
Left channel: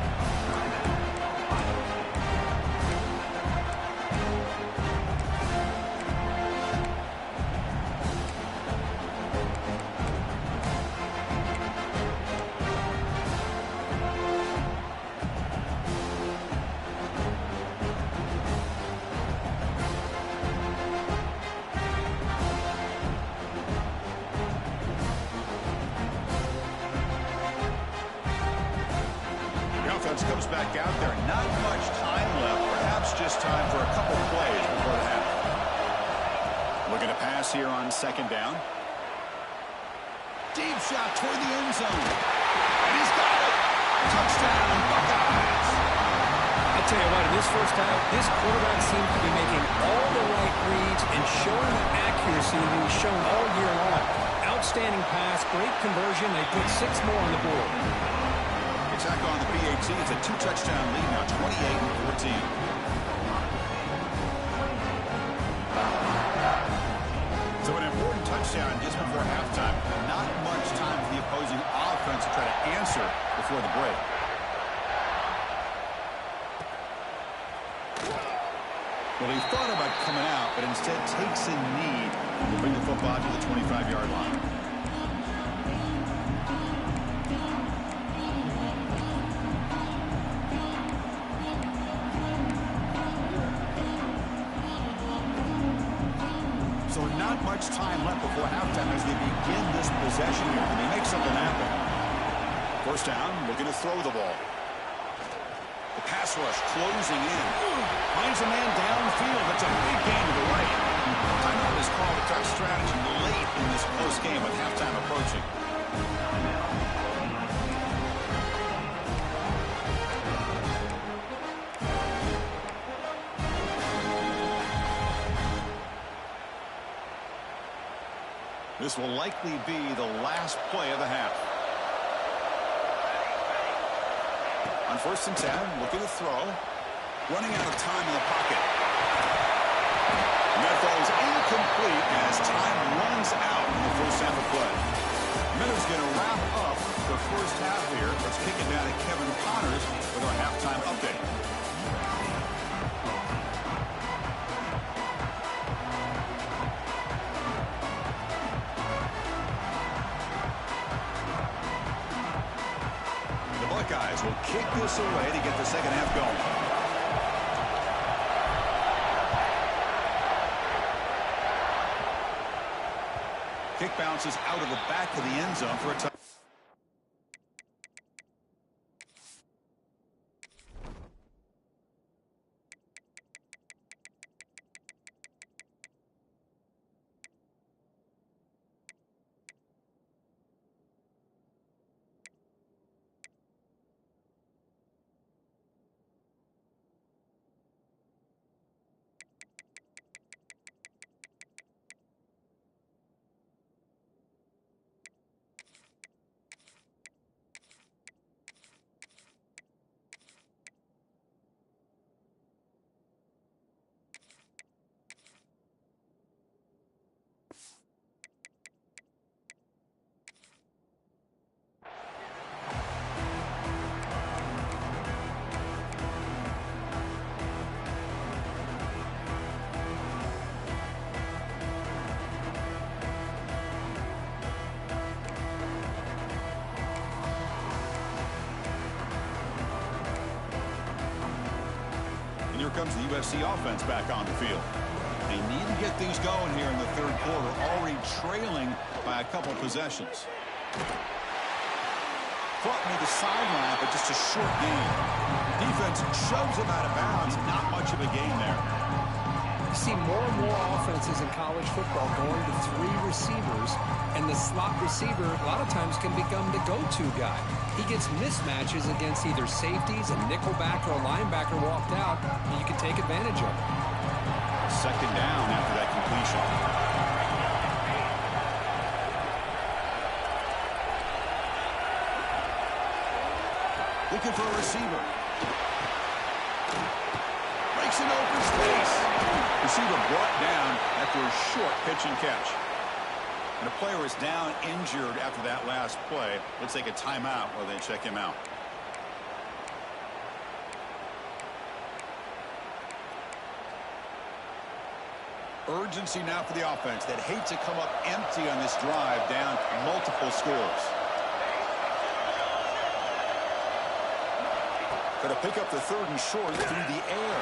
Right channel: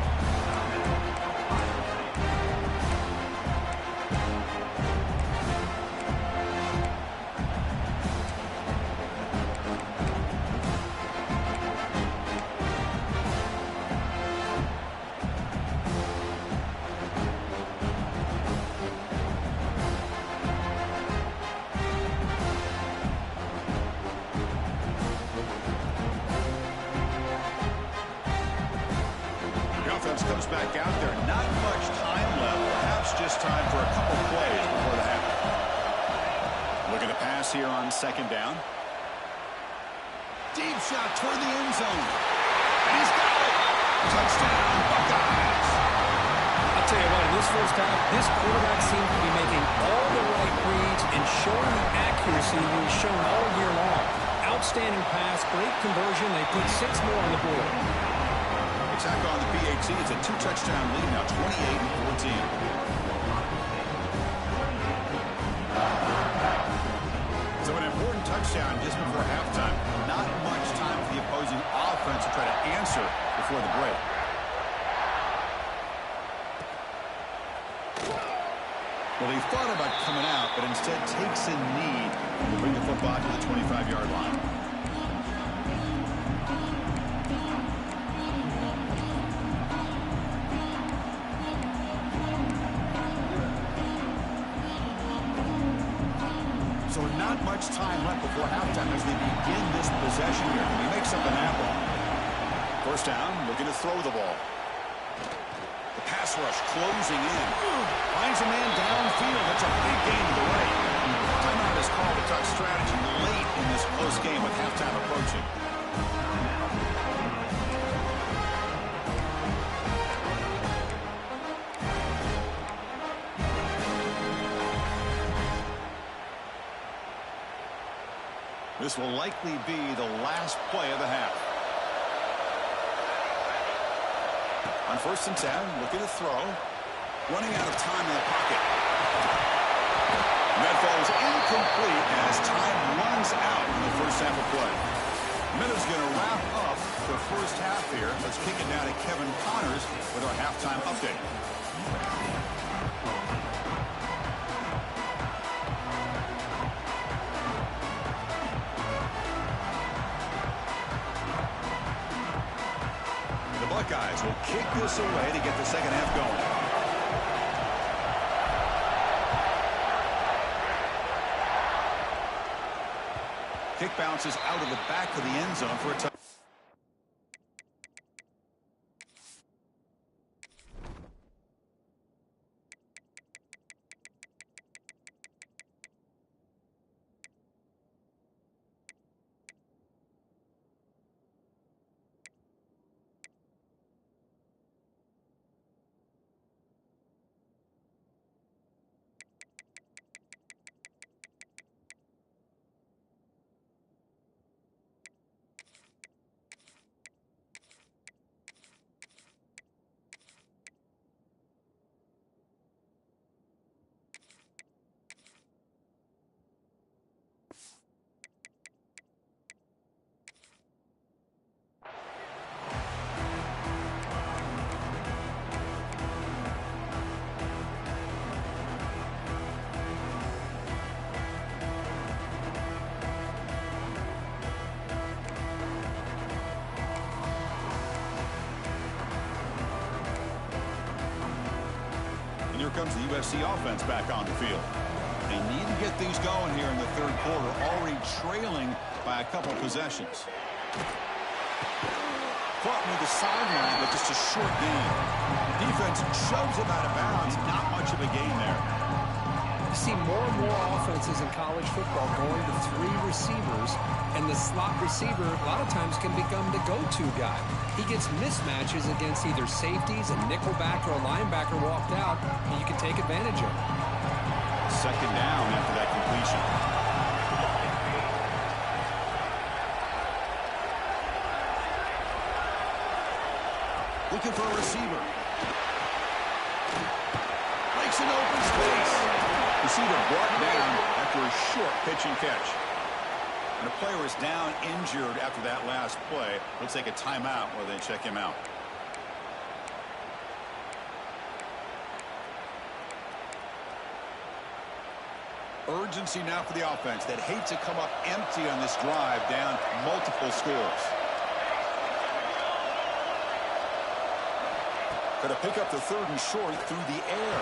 Offense comes back out there. Not much time left. Perhaps just time for a couple plays before the half. Looking to pass here on second down. Deep shot toward the end zone. And he's got it. Touchdown, Buckeyes. I'll tell you what, in this first half, this quarterback seems to be making all the right reads and showing the accuracy that he's shown all year long. Outstanding pass, great conversion. They put 6 more on the board. Attack on the PAT. It's a 2-touchdown lead now, 28-14. So an important touchdown just before halftime. Not much time for the opposing offense to try to answer before the break. Well, he thought about coming out, but instead takes a knee to bring the football to the 25-yard line. So not much time left before halftime as they begin this possession here. Can they make something happen? First down, looking to throw the ball. The pass rush closing in. Finds a man downfield. That's a big gain to the right. Timeout is called to talk strategy late in this close game with halftime approaching. This will likely be the last play of the half. On 1st and 10, looking to throw. Running out of time in the pocket. And that falls incomplete as time runs out in the first half of play. Miller's going to wrap up the first half here. Let's kick it down to Kevin Connors with our halftime update. The Buckeyes will kick this away to get the second half going. Kick bounces out of the back of the end zone for a touchdown. Here comes the USC offense back on the field. They need to get things going here in the third quarter, already trailing by a couple possessions. Caught near the sideline, but just a short gain. Defense shoves him out of bounds. Not much of a gain there. You see more and more offenses in college football going to 3 receivers, and the slot receiver a lot of times can become the go-to guy. He gets mismatches against either safeties, a nickelback, or a linebacker walked out, and you can take advantage of it. Second down after that completion. Looking for a receiver. Breaks into open space. Receiver brought down after a short pitch and catch. And a player is down injured after that last play. We'll take a timeout while they check him out. Urgency now for the offense that hate to come up empty on this drive, down multiple scores. Going to pick up the 3rd and short through the air.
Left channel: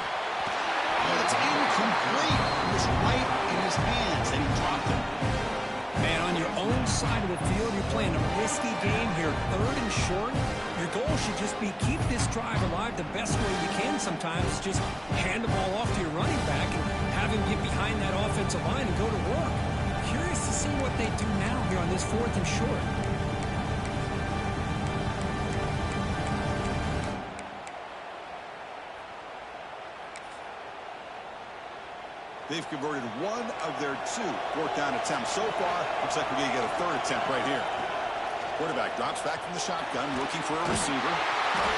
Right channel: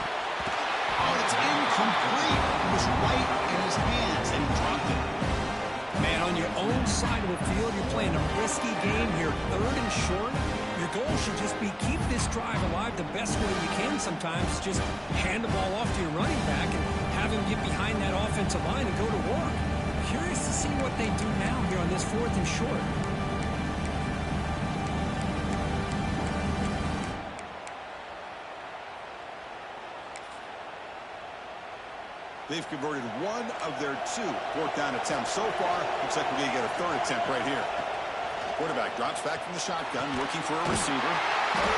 Oh, it's incomplete. It was right in his hands, and he dropped it. Man, on your own side of the field, you're playing a risky game here. 3rd and short. Your goal should just be keep this drive alive the best way you can sometimes. Just hand the ball off to your running back and have him get behind that offensive line and go to work. Curious to see what they do now here on this 4th and short. They've converted 1 of their 2 4th down attempts so far. Looks like we're going to get a 3rd attempt right here. Quarterback drops back from the shotgun, looking for a receiver.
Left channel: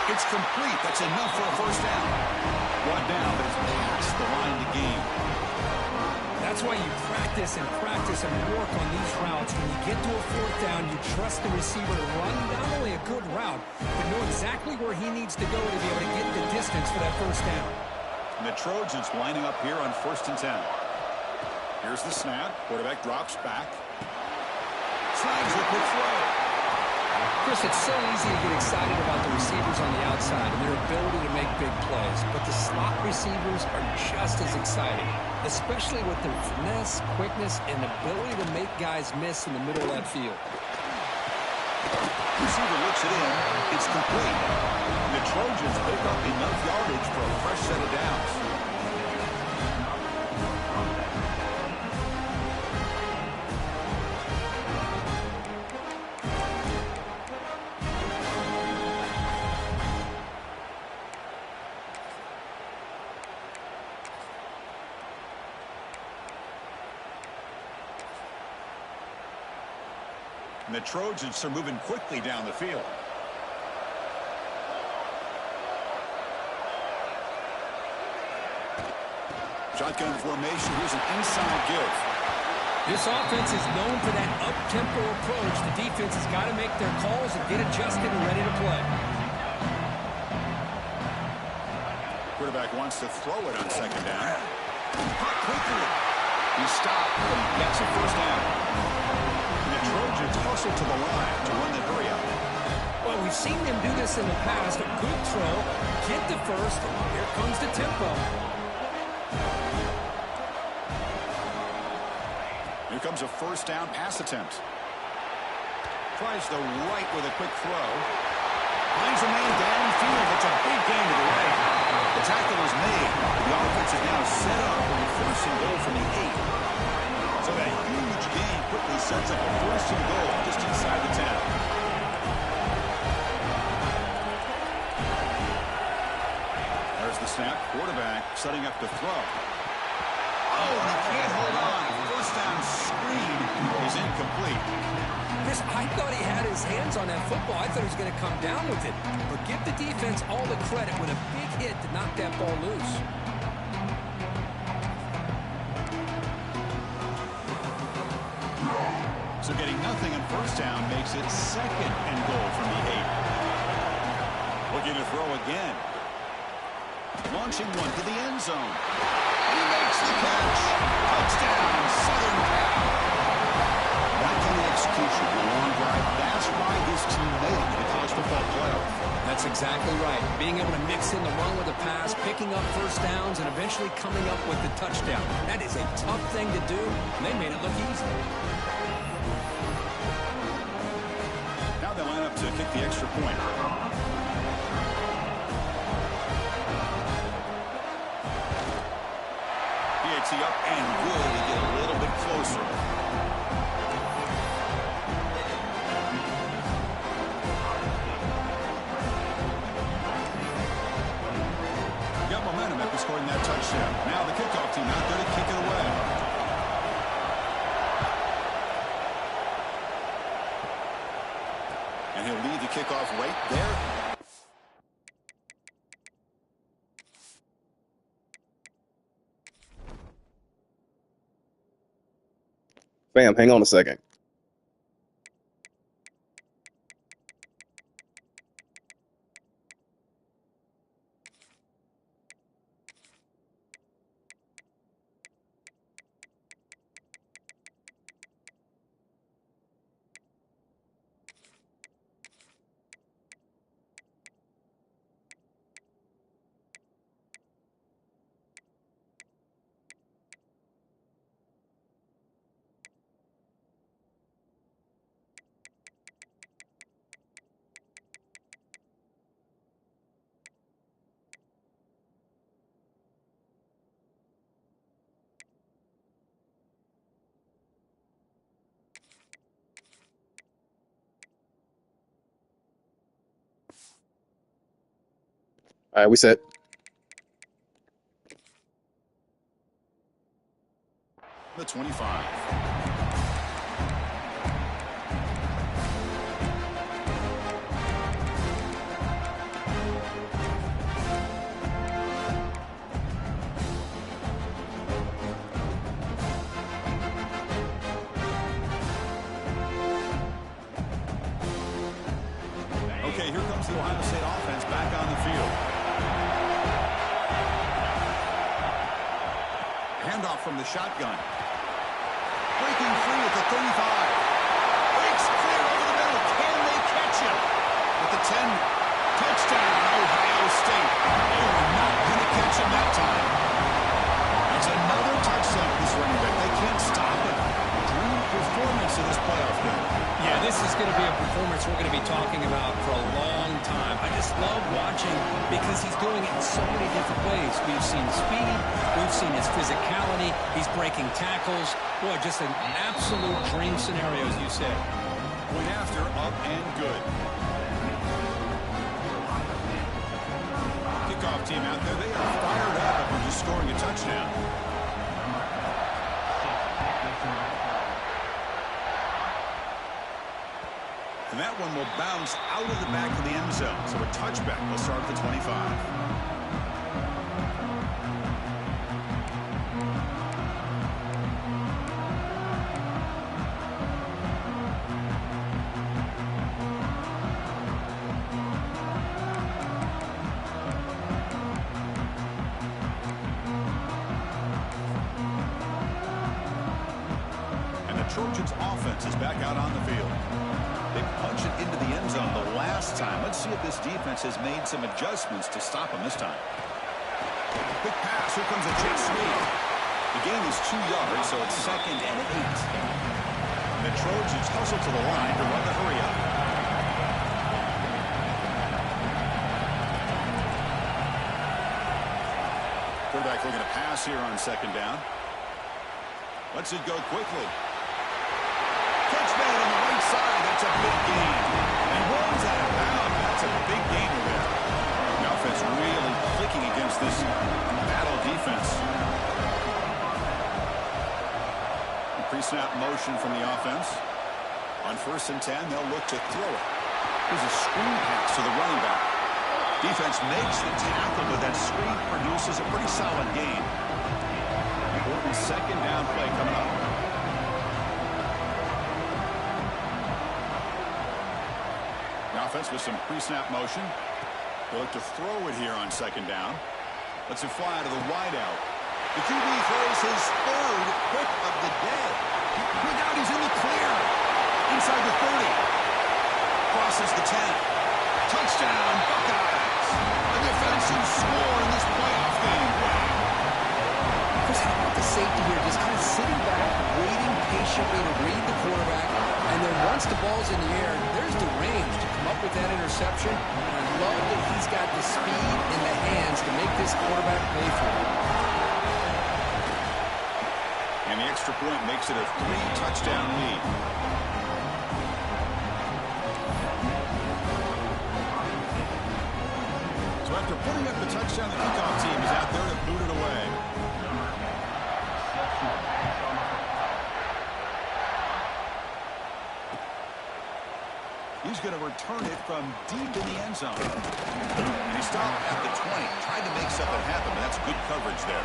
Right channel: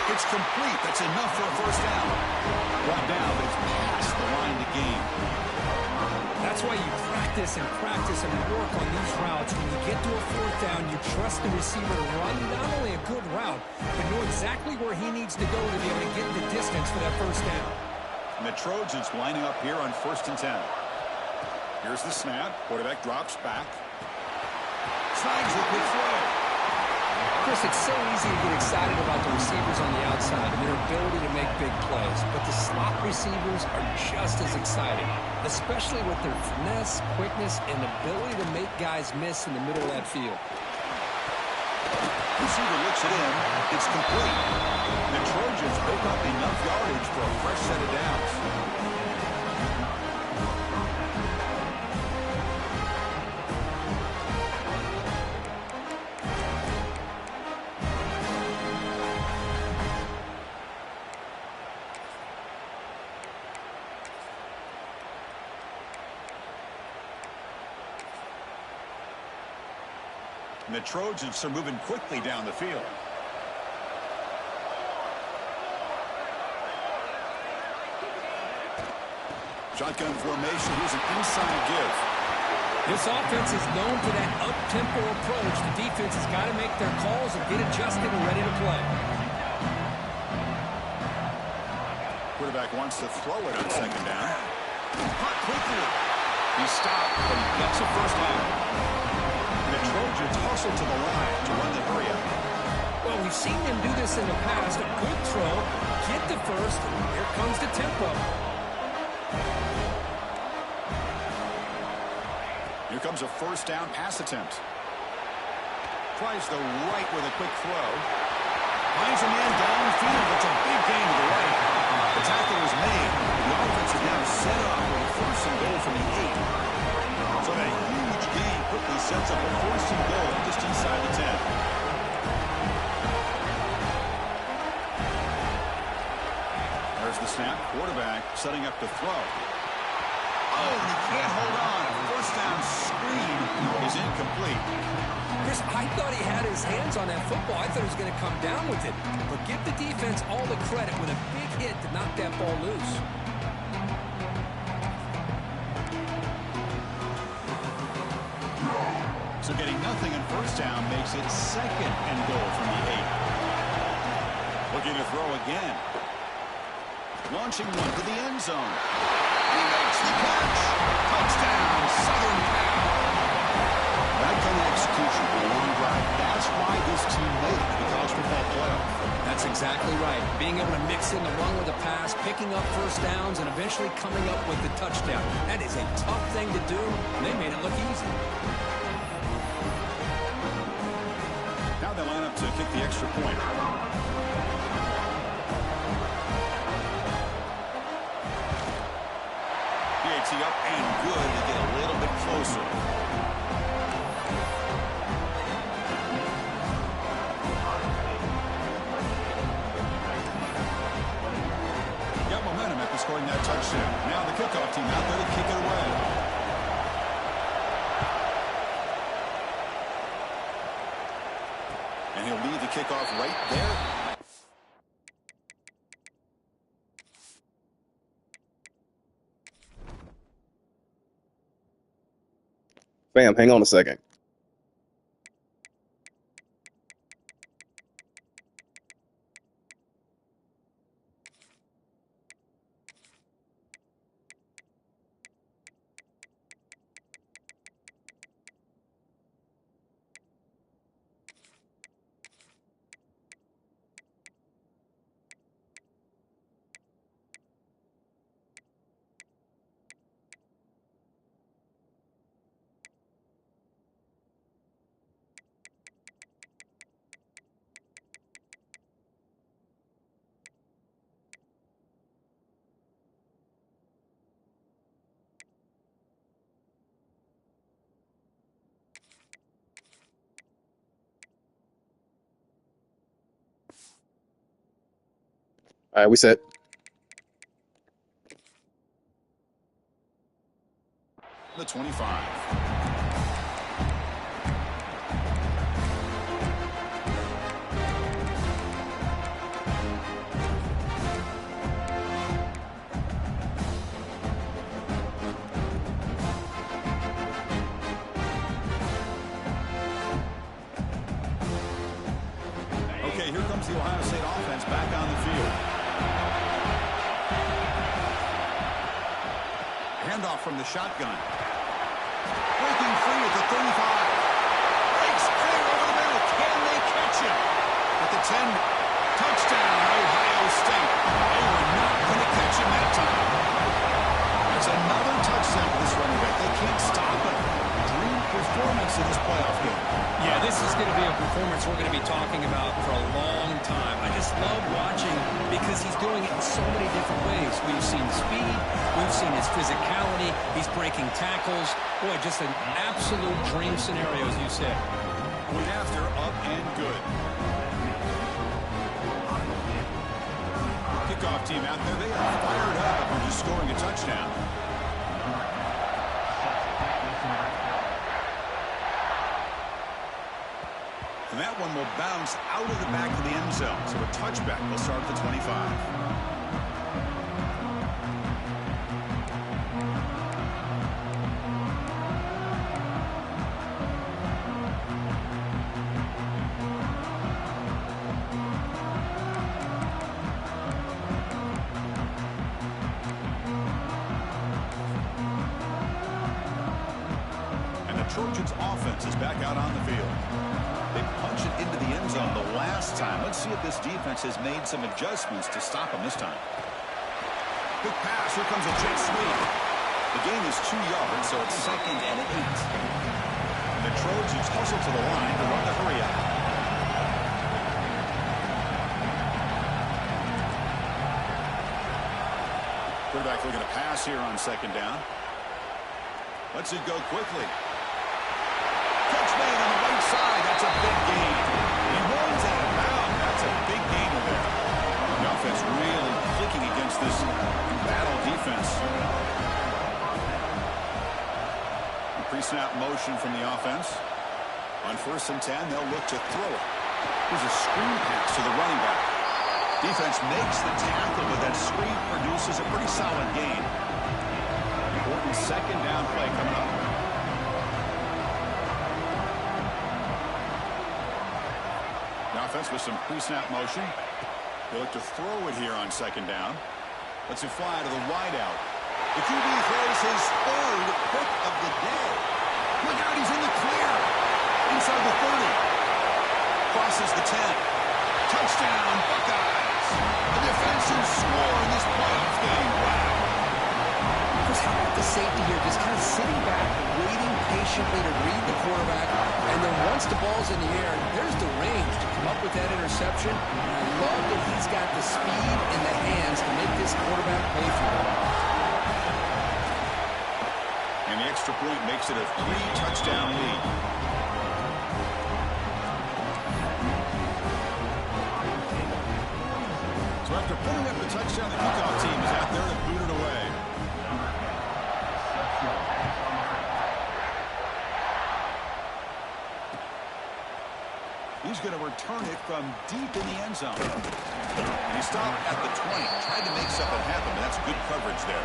It's complete. That's enough for a 1st down. 1 down, but it's past the line to gain. That's why you practice and work on these routes. When you get to a 4th down, you trust the receiver to run not only a good route, but know exactly where he needs to go to be able to get the distance for that 1st down. And the Trojans lining up here on 1st and 10. Here's the snap. Quarterback drops back. Snags the quick throw. Chris, it's so easy to get excited about the receivers on the outside and their ability to make big plays, but the slot receivers are just as exciting, especially with their finesse, quickness, and ability to make guys miss in the middle of that field. Receiver looks it in. It's complete. The Trojans pick up enough yardage for a fresh set of downs. And the Trojans are moving quickly down the field. Shotgun formation. Here's an inside give. This offense is known for that up-tempo approach. The defense has got to make their calls and get adjusted and ready to play. Quarterback wants to throw it on second down. Caught quickly. He stopped, but he gets a first down. And the Trojans hustle to the line to run the hurry out. Well, we've seen them do this in the past. A good throw, get the first, and here comes the tempo. Here comes a first down pass attempt. Tries the right with a quick throw. Finds a man downfield. It's a big gain to the right. The tackle is made. The offense is now set up with a first and goal from the 8. So that huge gain quickly sets up a first and goal just inside the 10. There's the snap. Quarterback setting up to throw. Oh, and he can't hold on. First down screen is incomplete. Chris, I thought he had his hands on that football. I thought he was going to come down with it. But give the defense all the credit with a big hit to knock that ball loose. So getting nothing on first down makes it second and goal from the 8. Looking to throw again. Launching one to the end zone. He makes the catch. Touchdown, Southern Cal. That kind of execution in a long drive, that's why this team made it to the college football playoff. That's exactly right. Being able to mix in the run with the pass, picking up first downs, and eventually coming up with the touchdown. That is a tough thing to do, and they made it look easy. Now they line up to kick the extra point. PAT up and good to get a little bit closer. Got momentum after scoring that touchdown. Now the kickoff team out there to kick it away. And he'll lead the kickoff right there. Fam, hang on a second. All right, we set. The 25. Okay, here comes the Ohio State offense back on the field. Handoff from the shotgun. Breaking free at the 35. Breaks clear over the middle. Can they catch him? At the 10. Touchdown, Ohio State. They were not going to catch him that time. It's another touchdown for this running back. They can't stop him. Dream performance in this playoff game. Yeah, this is going to be a performance we're going to be talking about for a long time. I just love watching because he's doing it in so many different ways. We've seen speed. We've seen his physicality. He's breaking tackles. Boy, just an absolute dream scenario, as you said. Point after, up and good. Kickoff team out there. They are fired up after just scoring a touchdown. And that one will bounce out of the back of the end zone. So a touchback will start at the 25. Trojans offense is back out on the field. They punch it into the end zone the last time. Let's see if this defense has made some adjustments to stop them this time. Quick pass. Here comes a jet sweep. The gain is 2 yards, so it's 2nd and 8. And the Trojans hustle to the line to run the hurry up. Quarterback looking to pass here on 2nd down. Lets it go quickly. Catch made on the right side. That's a big gain. And he runs out of bounds. That's a big gainer there. The offense really clicking against this battle defense. Pre-snap motion from the offense. On 1st and 10, they'll look to throw it. Here's a screen pass to the running back. Defense makes the tackle, but that screen produces a pretty solid gain. Important 2nd down play coming up. The offense with some pre-snap motion. They look to throw it here on 2nd down. Lets it fly to the wideout. The QB throws his 3rd pick of the day. Look out, he's in the clear. Inside the 30. Crosses the 10. Touchdown, Buckeyes. A defensive score in this playoff game. Wow. Chris, how about the safety here? Just kind of sitting back, waiting patiently to read the quarterback. And then once the ball's in the air, there's the range to come up with that interception. And I love that he's got the speed in the hands to make this quarterback pay for it. And the extra point makes it a 3-touchdown lead. So after putting up the touchdown, the kickoff team is out there to boot it away. He's going to return it from deep in the end zone. And he stopped at the 20. Tried to make something happen, but that's good coverage there.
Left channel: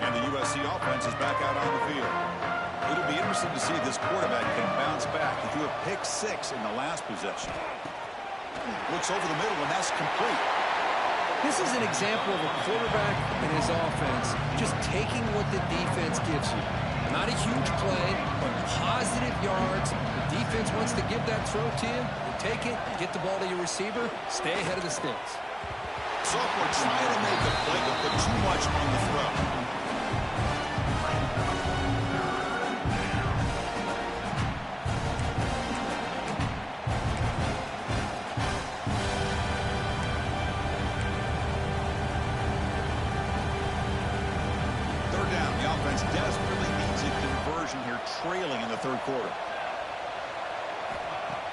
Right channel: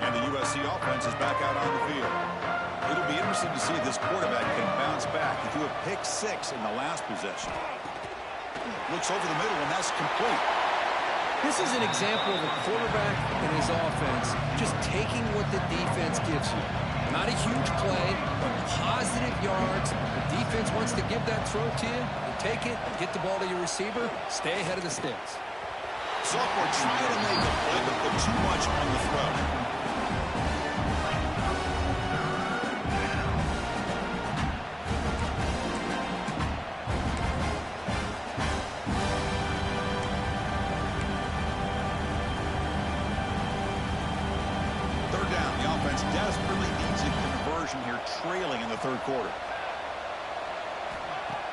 And the USC offense is back out on the field. It'll be interesting to see if this quarterback can bounce back. He threw a pick 6 in the last possession. Looks over the middle, and that's complete. This is an example of a quarterback and his offense just taking what the defense gives you. Not a huge play, but positive yards. The defense wants to give that throw to you. You take it, get the ball to your receiver, stay ahead of the sticks. Sophomore trying to make a play, but put too much on the throw. Down. The offense desperately needs a conversion here, trailing in the 3rd quarter.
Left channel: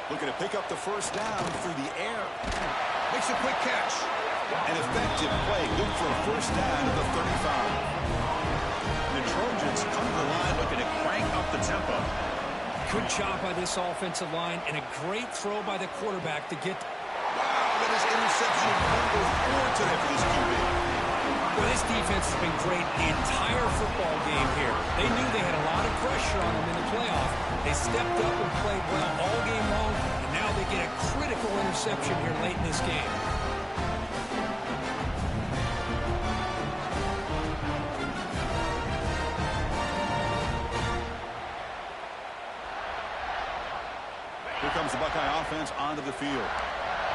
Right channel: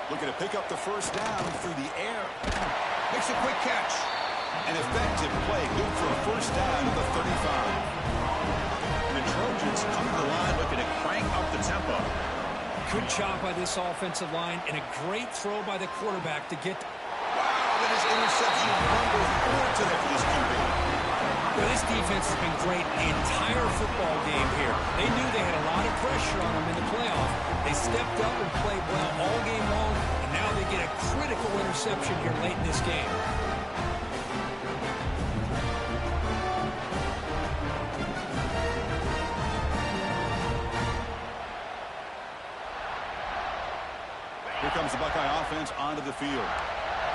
Looking to pick up the 1st down through the air. Makes a quick catch. An effective play, good for a 1st down at the 35. And the Trojans come to the line looking to crank up the tempo. Good job by this offensive line and a great throw by the quarterback to get. Wow, that is interception number 4 today for this QB. Well, this defense has been great the entire football game here. They knew they had a lot of pressure on them in the playoff. They stepped up and played well all game long, and now they get a critical interception here late in this game. Here comes the Buckeye offense onto the field.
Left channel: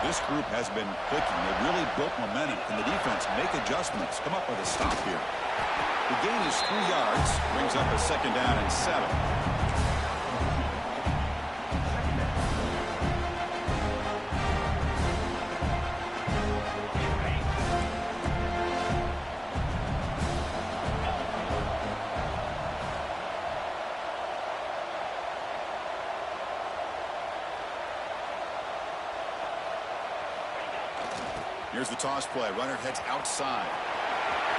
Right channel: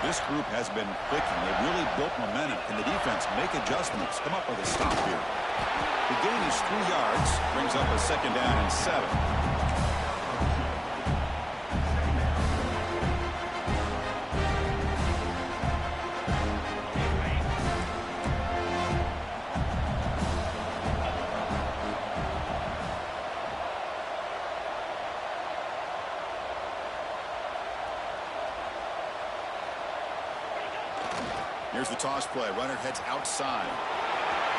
This group has been clicking. They've really built momentum. Can the defense make adjustments? Come up with a stop here. The gain is 3 yards. Brings up a 2nd down and 7. Here's the toss play. Runner heads outside.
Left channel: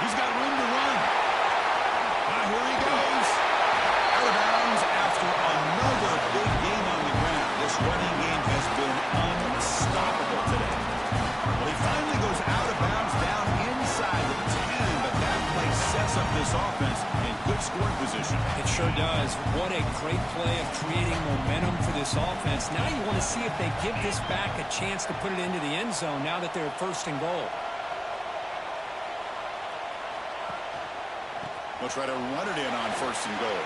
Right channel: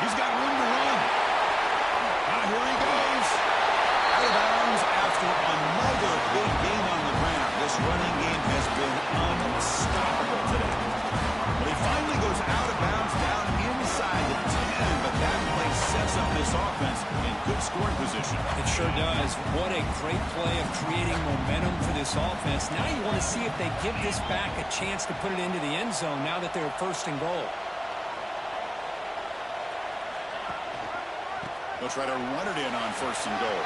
He's got room to run. Here he goes. Out of bounds after another big gain on the ground. This running game has been unstoppable today. Well, he finally goes out of bounds down inside the 10, but that play sets sets up this offense in good scoring position. It sure does. What a great play of creating momentum for this offense. Now you want to see if they give this back a chance to put it into the end zone now that they're first and goal. They'll try to run it in on first and goal.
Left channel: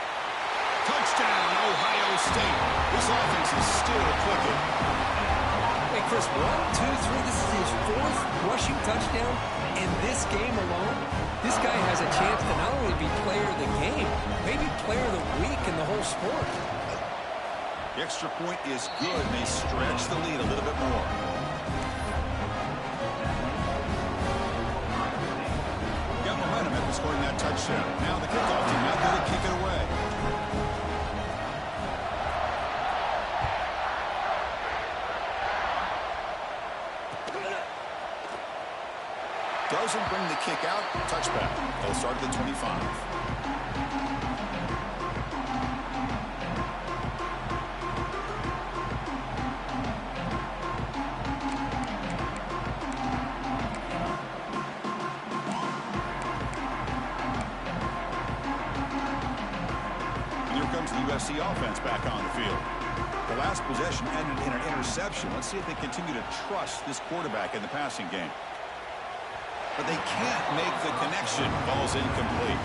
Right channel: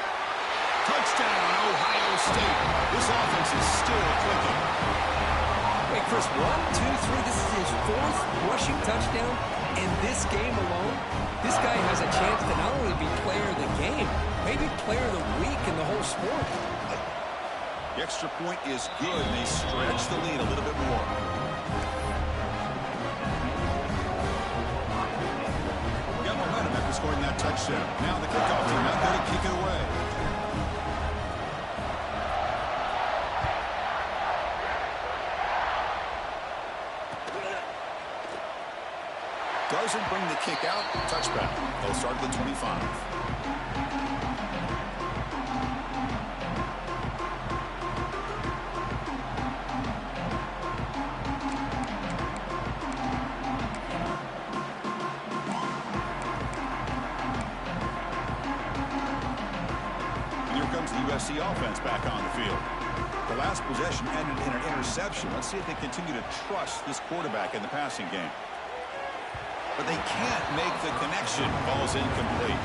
Touchdown, Ohio State. This offense is still clicking. Wait, Chris, 1, 2, 3. This is his 4th rushing touchdown in this game alone. This guy has a chance to not only be player of the game, maybe player of the week in the whole sport. The extra point is good, and they stretch the lead a little bit more. Got momentum after scoring that touchdown. Now the kickoff team out there to kick it away. Doesn't bring the kick out. Touchback. They'll start at the 25. And here comes the USC offense back on the field. The last possession ended in an interception. Let's see if they continue to trust this quarterback in the passing game. But they can't make the connection. Ball's incomplete.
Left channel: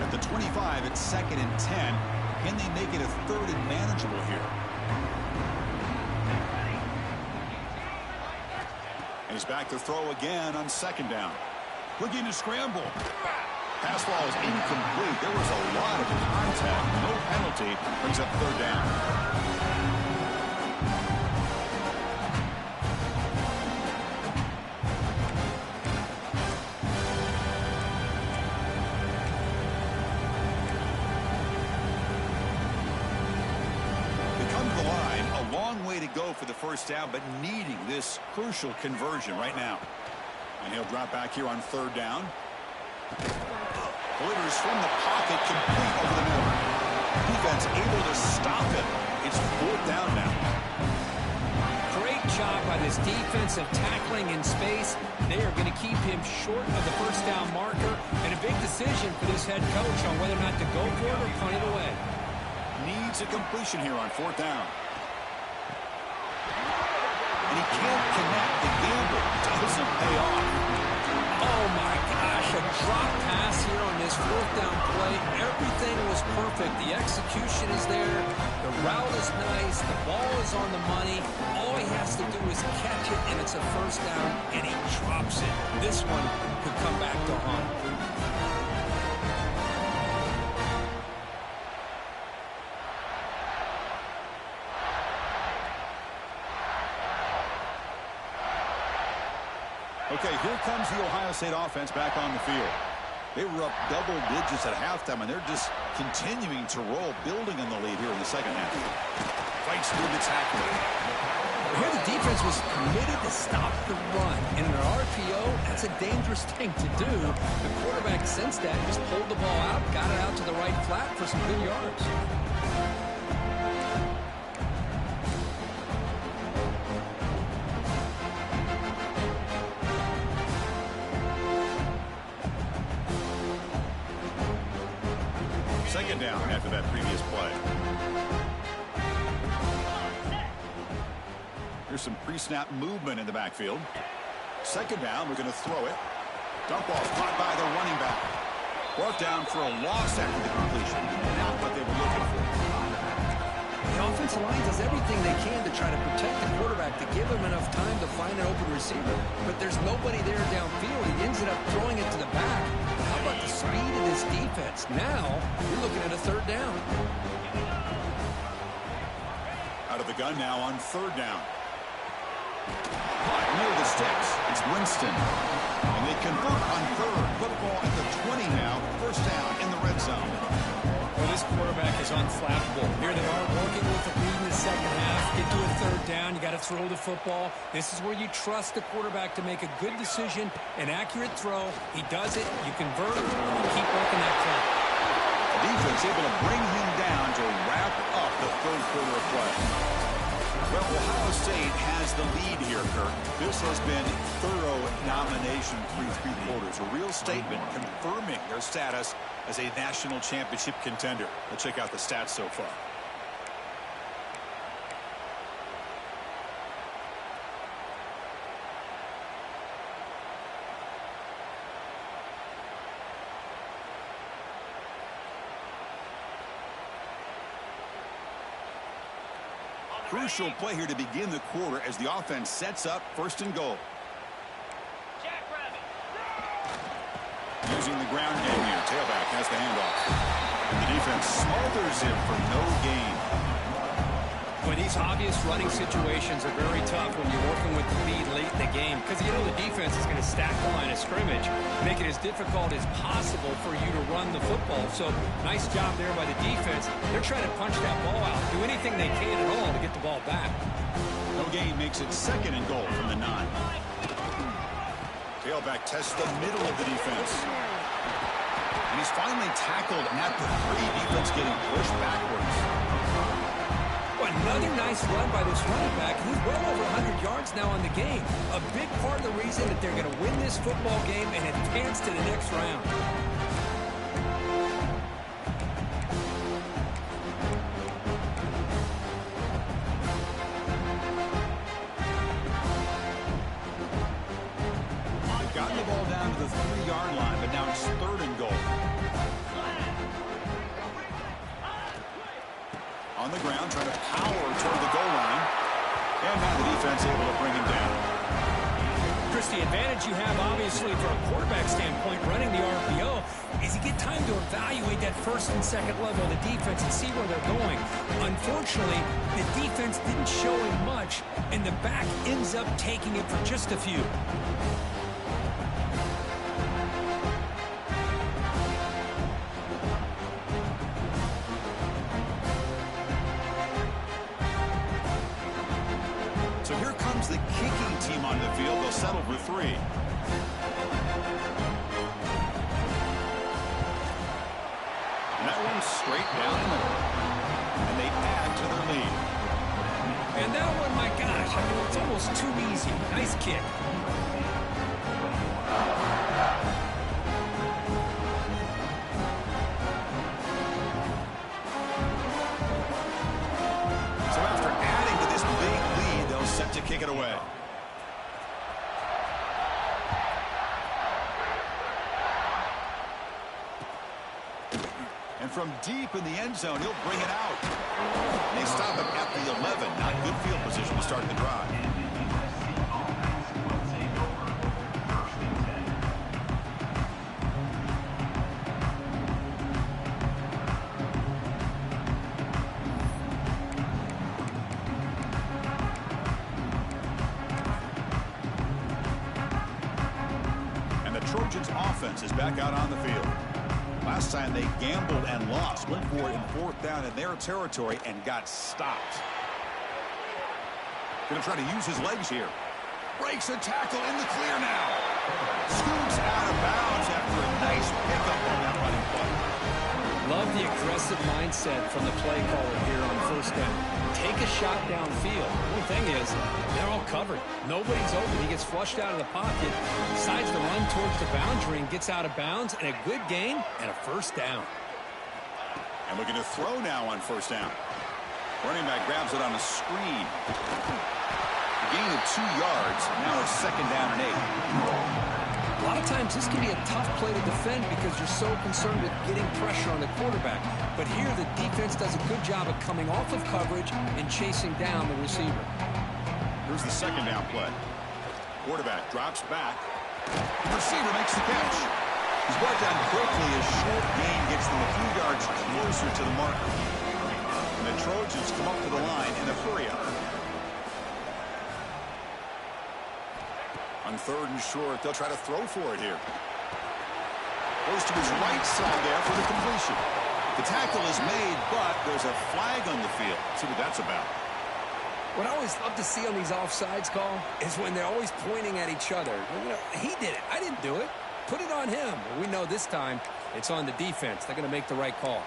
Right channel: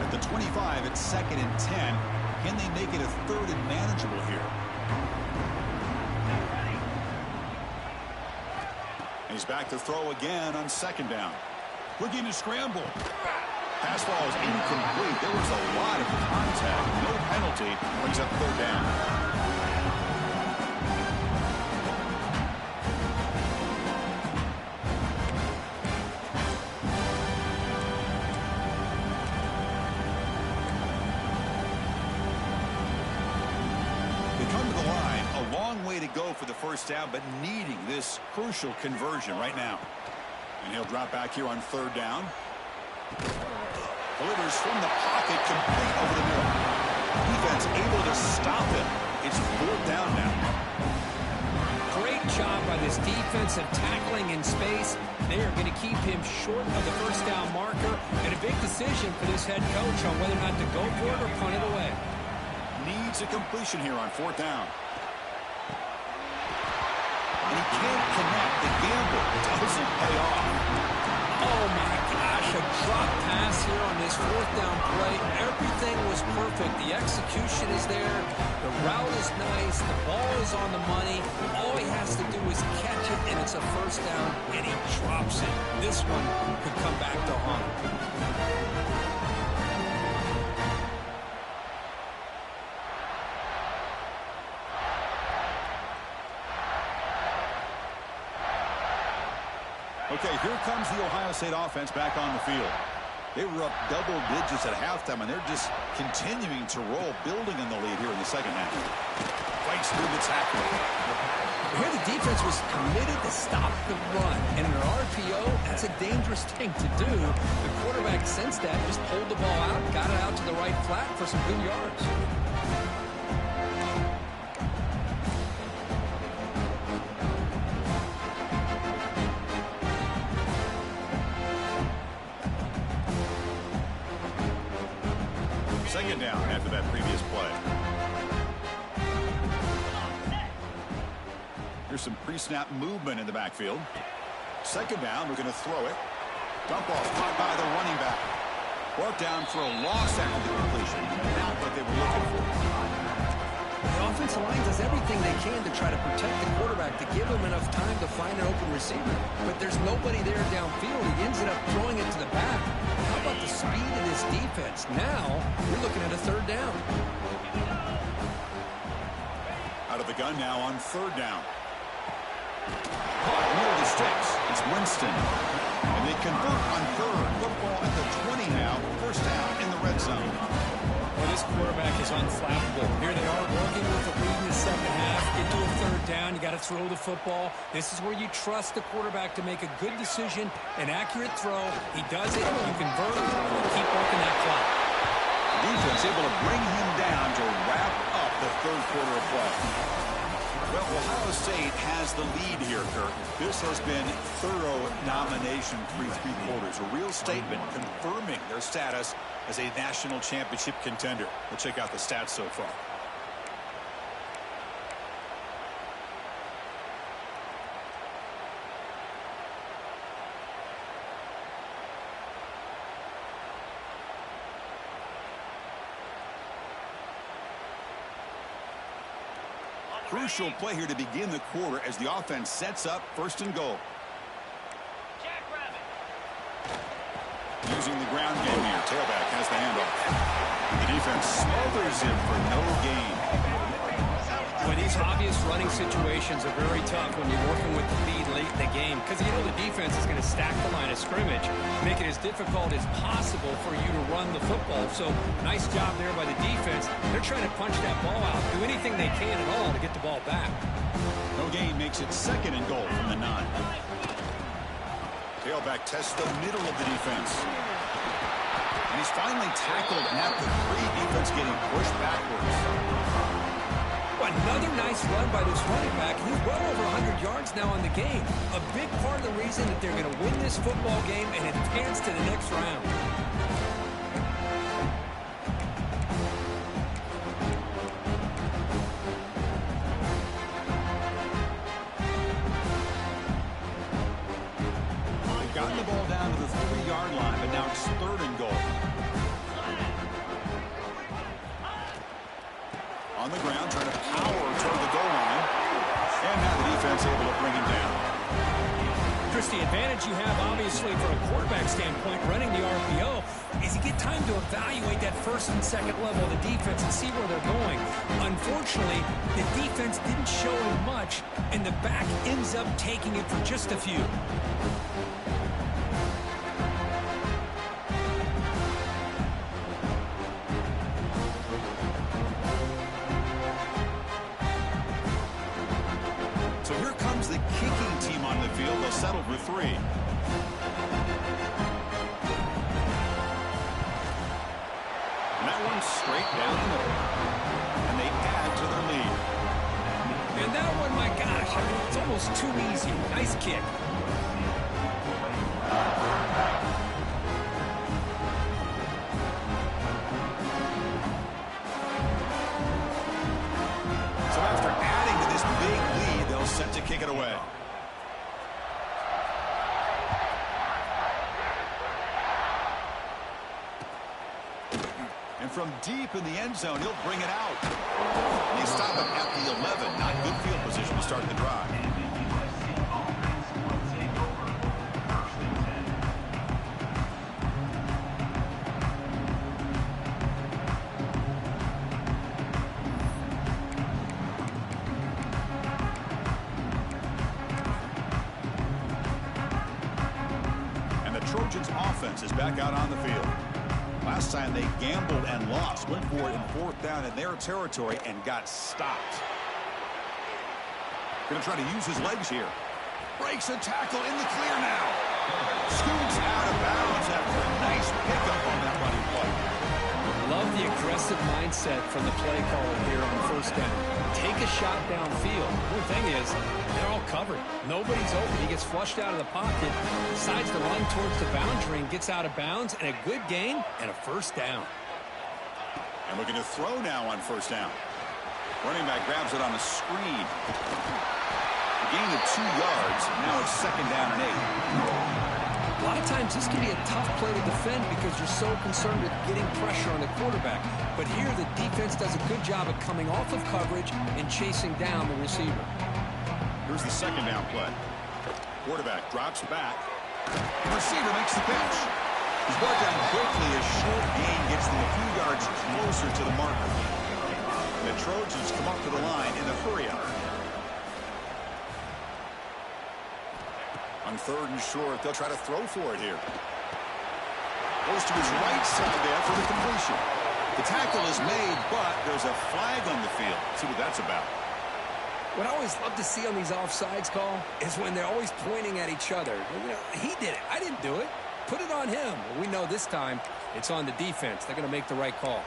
At the 25, it's 2nd and 10. Can they make it a 3rd and manageable here? He's back to throw again on 2nd down. Looking to scramble. Pass ball is incomplete. There was a lot of contact. No penalty. Brings up 3rd down. They come to the line. A long way to go for the first down, but needing this crucial conversion right now. And he'll drop back here on 3rd down. Delivers from the pocket, complete over the middle. Defense able to stop him. It's 4th down now. Great job by this defensive tackling in space. They are going to keep him short of the first down marker. And a big decision for this head coach on whether or not to go for it or punt it away. Needs a completion here on 4th down. And he can't connect. The gamble doesn't pay off. Oh, my gosh. A drop pass here on this 4th down play. Everything was perfect. The execution is there. The route is nice. The ball is on the money. All he has to do is catch it, and it's a first down, and he drops it. This one could come back to haunt him. Okay, here comes the Ohio State offense back on the field. They were up double digits at halftime, and they're just continuing to roll, building on the lead here in the second half. Fights through the tackle. Here the defense was committed to stop the run. And in an RPO, that's a dangerous thing to do. The quarterback sensed that, just pulled the ball out, got it out to the right flat for some good yards. Second down after that previous play. Here's some pre-snap movement in the backfield. Second down, we're going to throw it. Dump off caught by the running back. Brought down for a loss after the completion. Not what they were looking for. The offensive line does everything they can to try to protect the quarterback, to give him enough time to find an open receiver. But there's nobody there downfield. He ends up throwing it to the back. How about the speed of this defense? Now, you're looking at a 3rd down. Out of the gun now on 3rd down. Caught near the sticks. It's Winston. And they convert on 3rd. Football at the 20 now. First down in the red zone. Well, this quarterback is unflappable. Here they are working with the lead in the second half. Get to a third down. You got to throw the football. This is where you trust the quarterback to make a good decision, an accurate throw. He does it. You convert. You keep working that clock. The defense able to bring him down to wrap up the third quarter of play. Well, Ohio State has the lead here, Kirk. This has been thorough domination through three quarters. A real statement confirming their status as a national championship contender. Let's check out the stats so far. Crucial play here to begin the quarter as the offense sets up first and goal. Using the ground game here. Tailback has the handoff. And the defense smothers him for no gain. Well, these obvious running situations are very tough when you're working with the lead late in the game because you know the defense is going to stack the line of scrimmage, make it as difficult as possible for you to run the football. So nice job there by the defense. They're trying to punch that ball out, do anything they can at all to get the ball back. No gain makes it second and goal from the 9. Tailback tests the middle of the defense. And he's finally tackled at the 3. Defense getting pushed backwards. Another nice run by this running back. He's well over 100 yards now in the game. A big part of the reason that they're going to win this football game and advance to the next round. They've gotten the ball down to the 3-yard line, but now it's third and goal. On the ground, trying to power toward the goal line. And now the defense able to bring him down. Chris, the advantage you have, obviously, from a quarterback standpoint, running the RPO, is you get time to evaluate that first and second level of the defense and see where they're going. Unfortunately, the defense didn't show him much, and the back ends up taking it for just a few. So here comes the kicking team on the field. They'll settle for 3. And that one's straight down the middle. And they add to their lead. And that one, my gosh, I mean, it's almost too easy. Nice kick. So after adding to this big lead, they'll set to kick it away. And from deep in the end zone, he'll bring it out. And they stop him at the 11. Not good field position to start the drive. Trojans offense is back out on the field. Last time they gambled and lost, went for it in 4th down in their territory and got stopped. Going to try to use his legs here. Breaks a tackle in the clear now. Scoots out of bounds after a nice pickup on that running play. Love the aggressive mindset from the play caller here on 1st down. Take a shot downfield. One thing is, they're all covered. Nobody's open. He gets flushed out of the pocket, decides to run towards the boundary and gets out of bounds, and a good gain and a 1st down. And looking to throw now on 1st down. Running back grabs it on a screen. A gain of 2 yards. Now it's 2nd down and 8. A lot of times this can be a tough play to defend because you're so concerned with getting pressure on the quarterback. But here the defense does a good job of coming off of coverage and chasing down the receiver. Here's the 2nd down play. Quarterback drops back. Receiver makes the catch. He's brought down quickly as short gain gets them a few yards closer to the marker. And the Trojans come up to the line in a hurry-up. On 3rd and short, they'll try to throw for it here. Goes to his right side there for the completion. The tackle is made, but there's a flag on the field. Let's see what that's about. What I always love to see on these offsides call is when they're always pointing at each other. You know, he did it. I didn't do it. Put it on him. Well, we know this time it's on the defense. They're going to make the right call.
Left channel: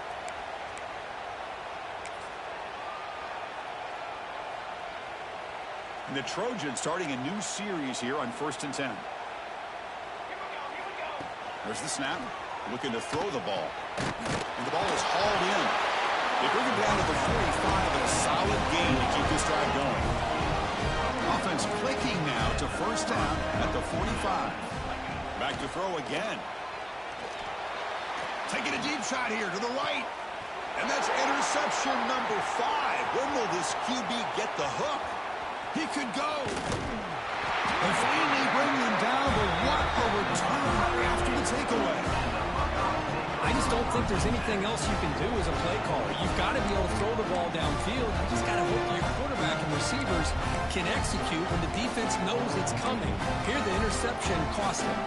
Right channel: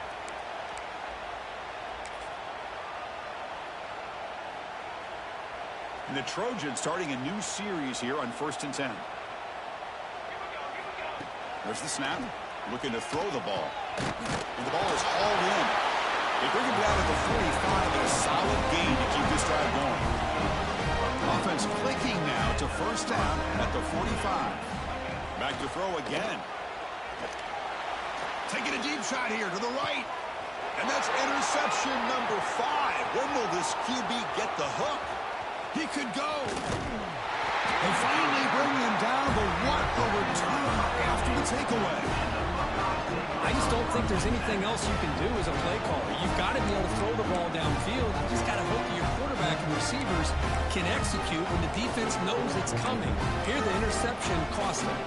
And the Trojans starting a new series here on 1st and 10. There's the snap. Looking to throw the ball. And the ball is hauled in. They bring him down to the 45 and a solid gain to keep this drive going. Offense clicking now to 1st down at the 45. Back to throw again. Taking a deep shot here to the right. And that's interception number 5. When will this QB get the hook? He could go. They finally bring him down, but what a return after the takeaway. I just don't think there's anything else you can do as a play caller. You've got to be able to throw the ball downfield. You just got to hope that your quarterback and receivers can execute when the defense knows it's coming. Here, the interception cost them.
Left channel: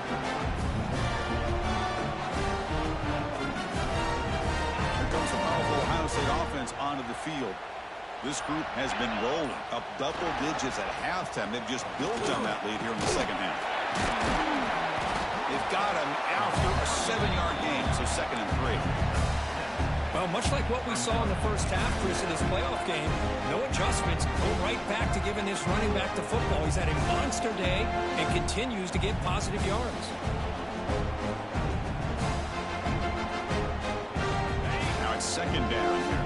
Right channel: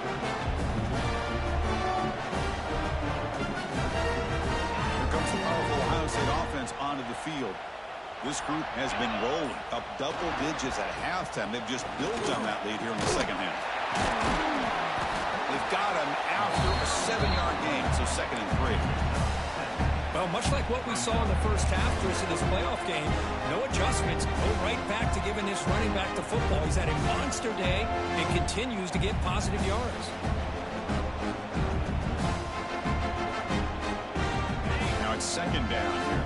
Here comes the powerful Ohio State offense onto the field. This group has been rolling up double digits at halftime. They've just built on that lead here in the second half. They've got him after a 7-yard gain, so 2nd and 3. Well, much like what we saw in the first half, Chris, in this playoff game, no adjustments. Go right back to giving this running back the football. He's had a monster day and continues to get positive yards. Now it's 2nd down here.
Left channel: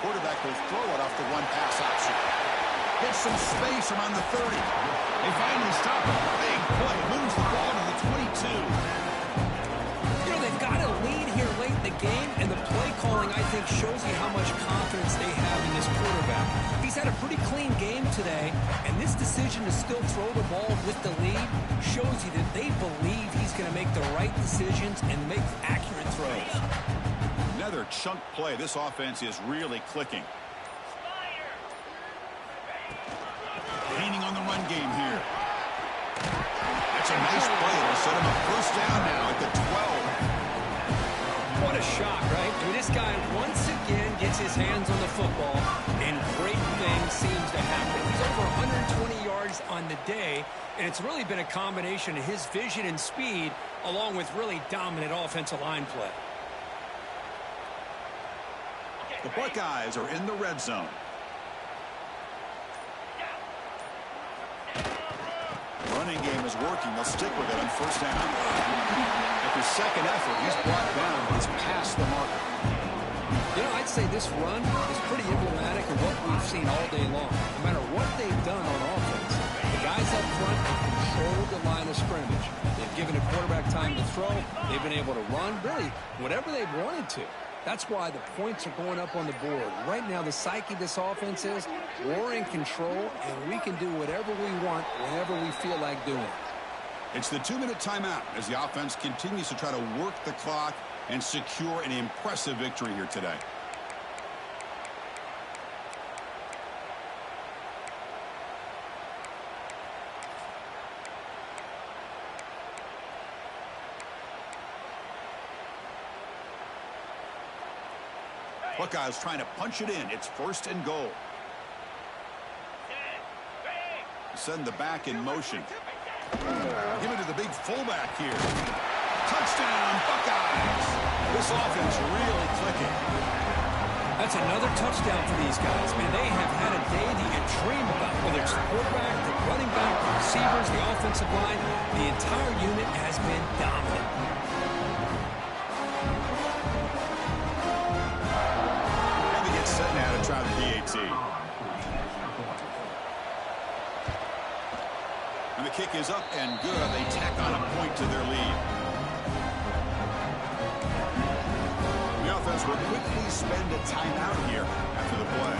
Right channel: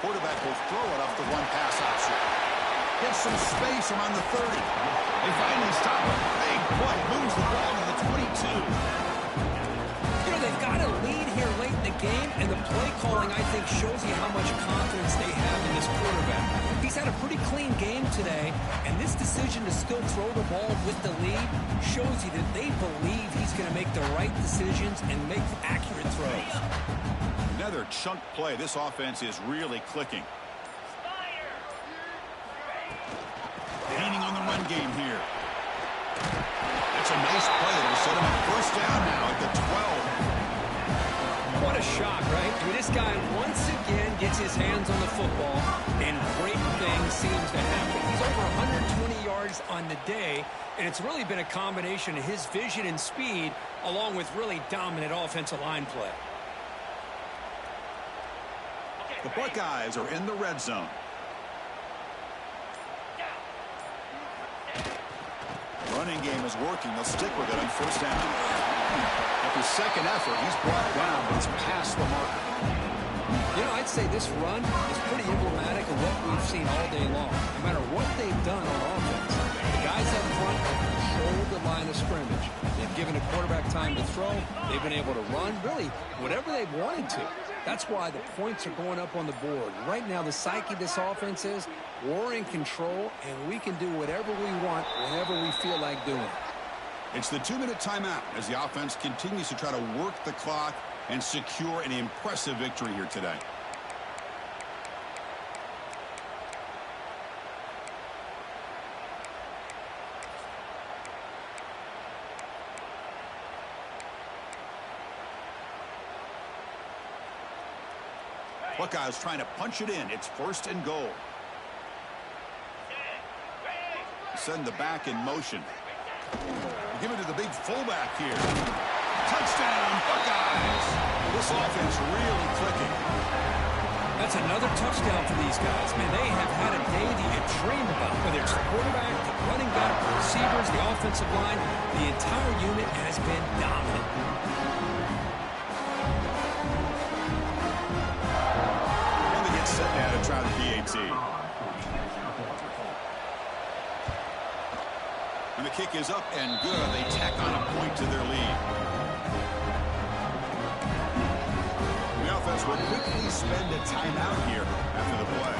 Quarterback will throw it off the one-pass option. Gets some space around the 30. They finally stop him. Big play. Moves the ball to the 22. You know, they've got a lead here late in the game, and the play calling, I think, shows you how much confidence they have in this quarterback. He's had a pretty clean game today, and this decision to still throw the ball with the lead shows you that they believe he's going to make the right decisions and make accurate throws. Another chunk play. This offense is really clicking. Gaining on the run game here. That's a nice play. It'll set him up 1st down now at the 12. What a shock, right? I mean, this guy once again gets his hands on the football, and great things seems to happen. He's over 120 yards on the day, and it's really been a combination of his vision and speed along with really dominant offensive line play. The Buckeyes are in the red zone. Running game is working. They'll stick with it on 1st down. After 2nd effort, he's brought down, but he's past the marker. You know, I'd say this run is pretty emblematic of what we've seen all day long. No matter what they've done on offense, the guys up front have controlled the line of scrimmage. They've given a quarterback time to throw. They've been able to run, really, whatever they've wanted to. That's why the points are going up on the board. Right now, the psyche of this offense is we're in control, and we can do whatever we want whenever we feel like doing it. It's the 2-minute timeout as the offense continues to try to work the clock and secure an impressive victory here today. Buckeyes trying to punch it in. It's 1st and goal. Send the back in motion. Give it to the big fullback here. Touchdown, Buckeyes. This offense really clicking. That's another touchdown for these guys. Man, they have had a day that you dream about. Whether it's the quarterback, the running back, the receivers, the offensive line, the entire unit has been dominant. Set now to try the PAT. And the kick is up and good. They tack on a point to their lead. The offense will quickly spend a timeout here after the play.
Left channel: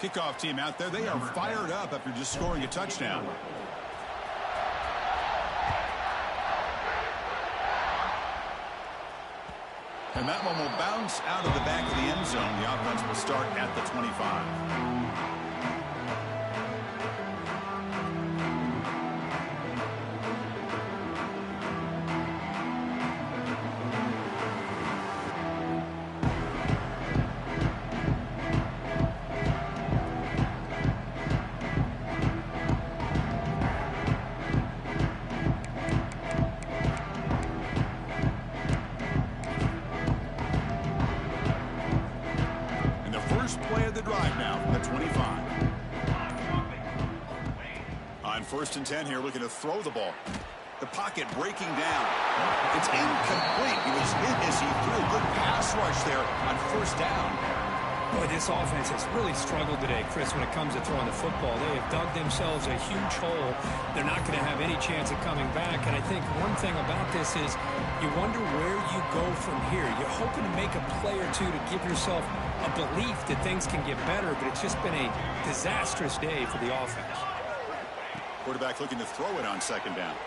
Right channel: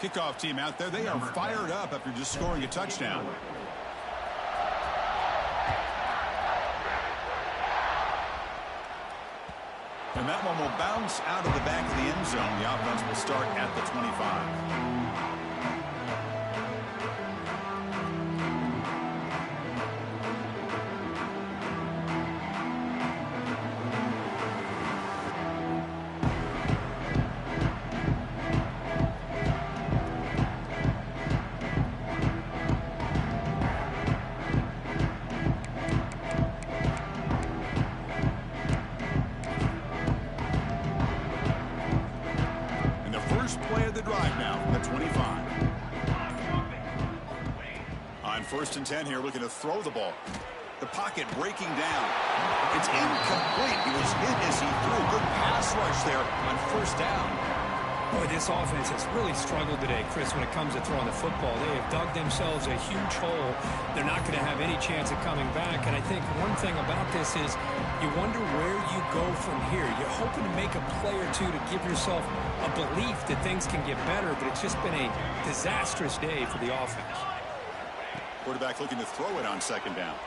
Kickoff team out there, they are fired up after just scoring a touchdown. And that one will bounce out of the back of the end zone. The offense will start at the 25. Play of the drive now from the 25. On 1st and 10 here, looking to throw the ball. The pocket breaking down. It's incomplete. He was hit as he threw a good pass rush there on 1st down. Boy, this offense has really struggled today, Chris, when it comes to throwing the football. They have dug themselves a huge hole. They're not going to have any chance of coming back. And I think one thing about this is you wonder where you go from here. You're hoping to make a play or two to give yourself a belief that things can get better, but it's just been a disastrous day for the offense. Quarterback looking to throw it on 2nd down.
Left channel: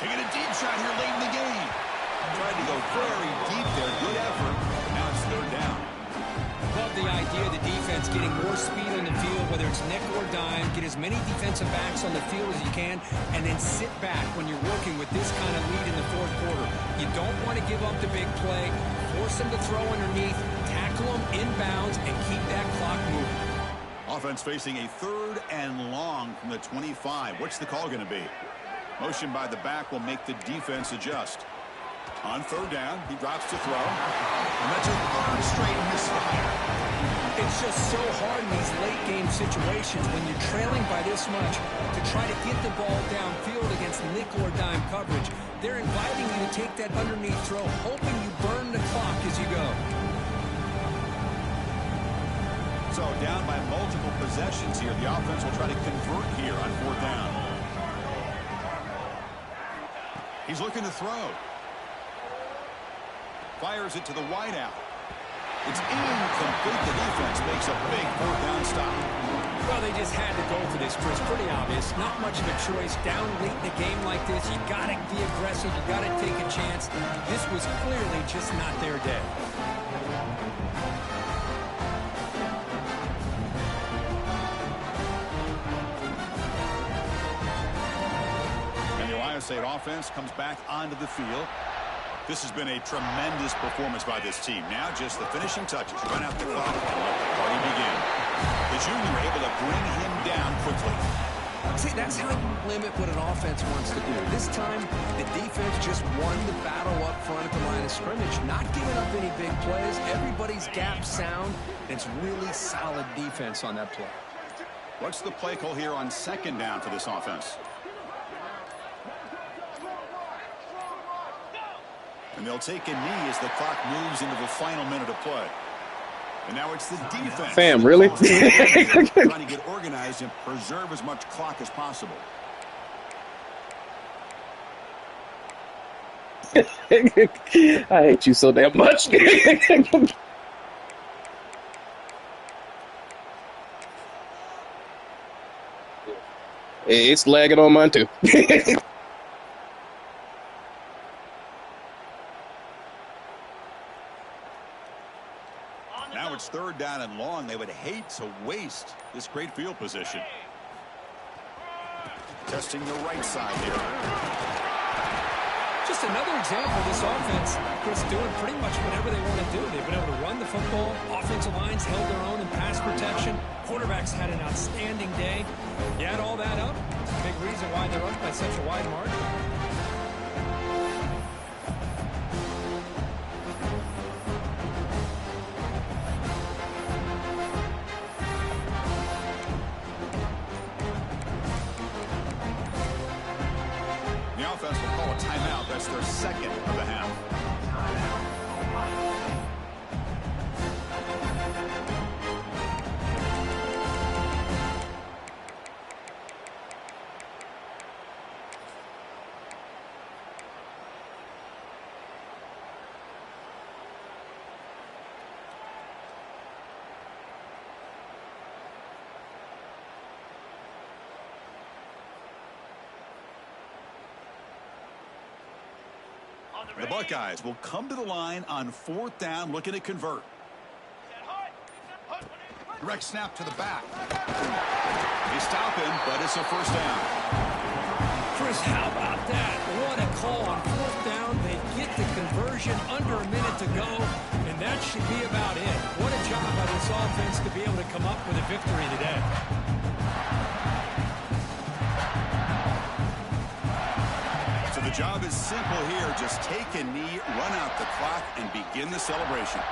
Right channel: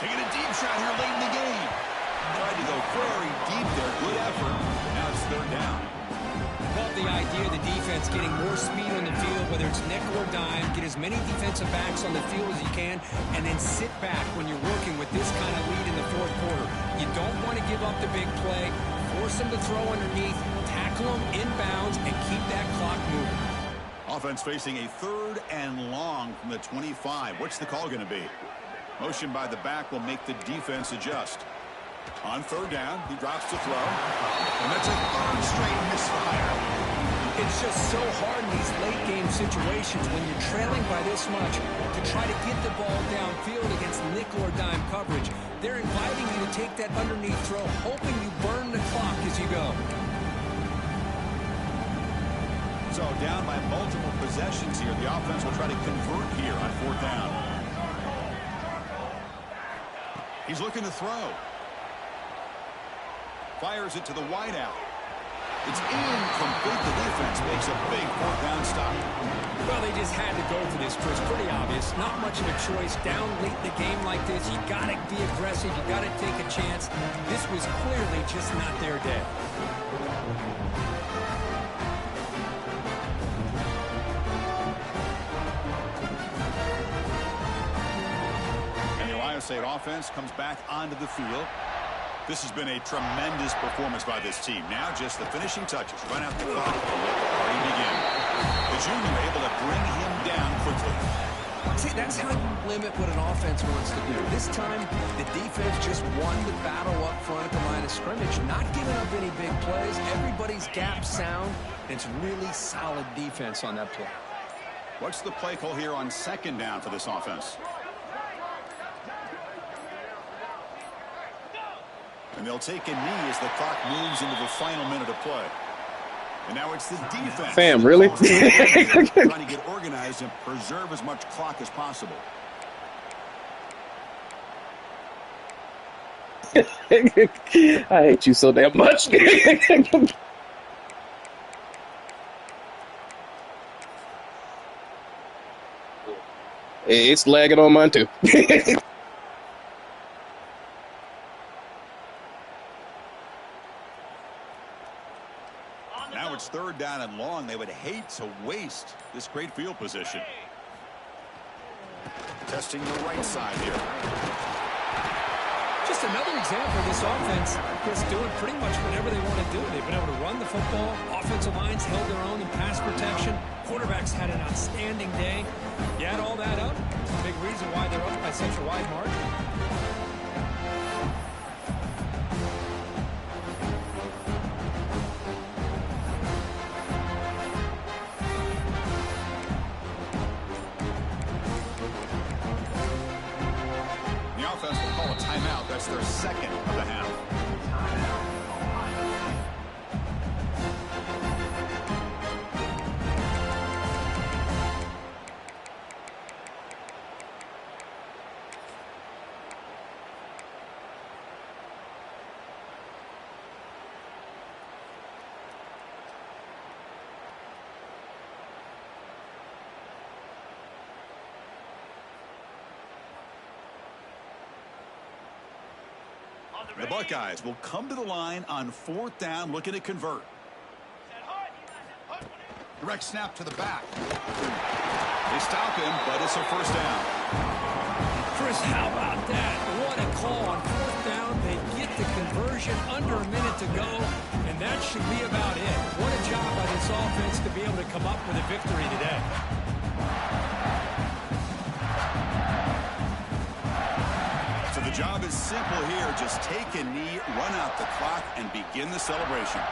Taking a deep shot here late in the game. Tried to go very deep there. Good effort. But now it's 3rd down. Love the idea of the defense getting more speed on the field, whether it's nickel or dime, get as many defensive backs on the field as you can, and then sit back when you're working with this kind of lead in the 4th quarter. You don't want to give up the big play, force them to throw underneath, tackle them inbounds, and keep that clock moving. Offense facing a 3rd and long from the 25. What's the call going to be? Motion by the back will make the defense adjust. On 3rd down, he drops to throw. And that's a 3rd straight misfire. It's just so hard in these late-game situations when you're trailing by this much to try to get the ball downfield against nickel or dime coverage. They're inviting you to take that underneath throw, hoping you burn the clock as you go. So down by multiple possessions here. The offense will try to convert here on 4th down. He's looking to throw. Fires it to the wideout. It's incomplete. The defense makes a big 4th down stop. Well, they just had to go for this, Chris. Pretty obvious. Not much of a choice. Down late in a game like this, you got to be aggressive. You got to take a chance. This was clearly just not their day. And the Ohio State offense comes back onto the field. This has been a tremendous performance by this team. Now just the finishing touches. Run out the clock and let the party begin. The junior able to bring him down quickly. See, that's how you limit what an offense wants to do. This time, the defense just won the battle up front at the line of scrimmage, not giving up any big plays. Everybody's gap sound. It's really solid defense on that play. What's the play call here on 2nd down for this offense? And they'll take a knee as the clock moves into the final minute of play. And now it's the defense. Fam, really? Trying to get organized and preserve as much clock as possible. I hate you so damn much. It's lagging on mine too. Now it's 3rd down and long. They would hate to waste this great field position. Testing the right side here. Just another example of this offense, Chris, doing pretty much whatever they want to do. They've been able to run the football. Offensive lines held their own in pass protection. Quarterbacks had an outstanding day. You add all that up, it's a big reason why they're up by such a wide margin. The offense will call a timeout. That's their 2nd of the half. The Buckeyes will come to the line on 4th down, looking to convert. Direct snap to the back. They stop him, but it's a 1st down. Chris, how about that? What a call on 4th down. They get the conversion under a minute to go, and that should be about it. What a job by this offense to be able to come up with a victory today. So the job is simple here. Just take a knee, run out the clock, and begin the celebration.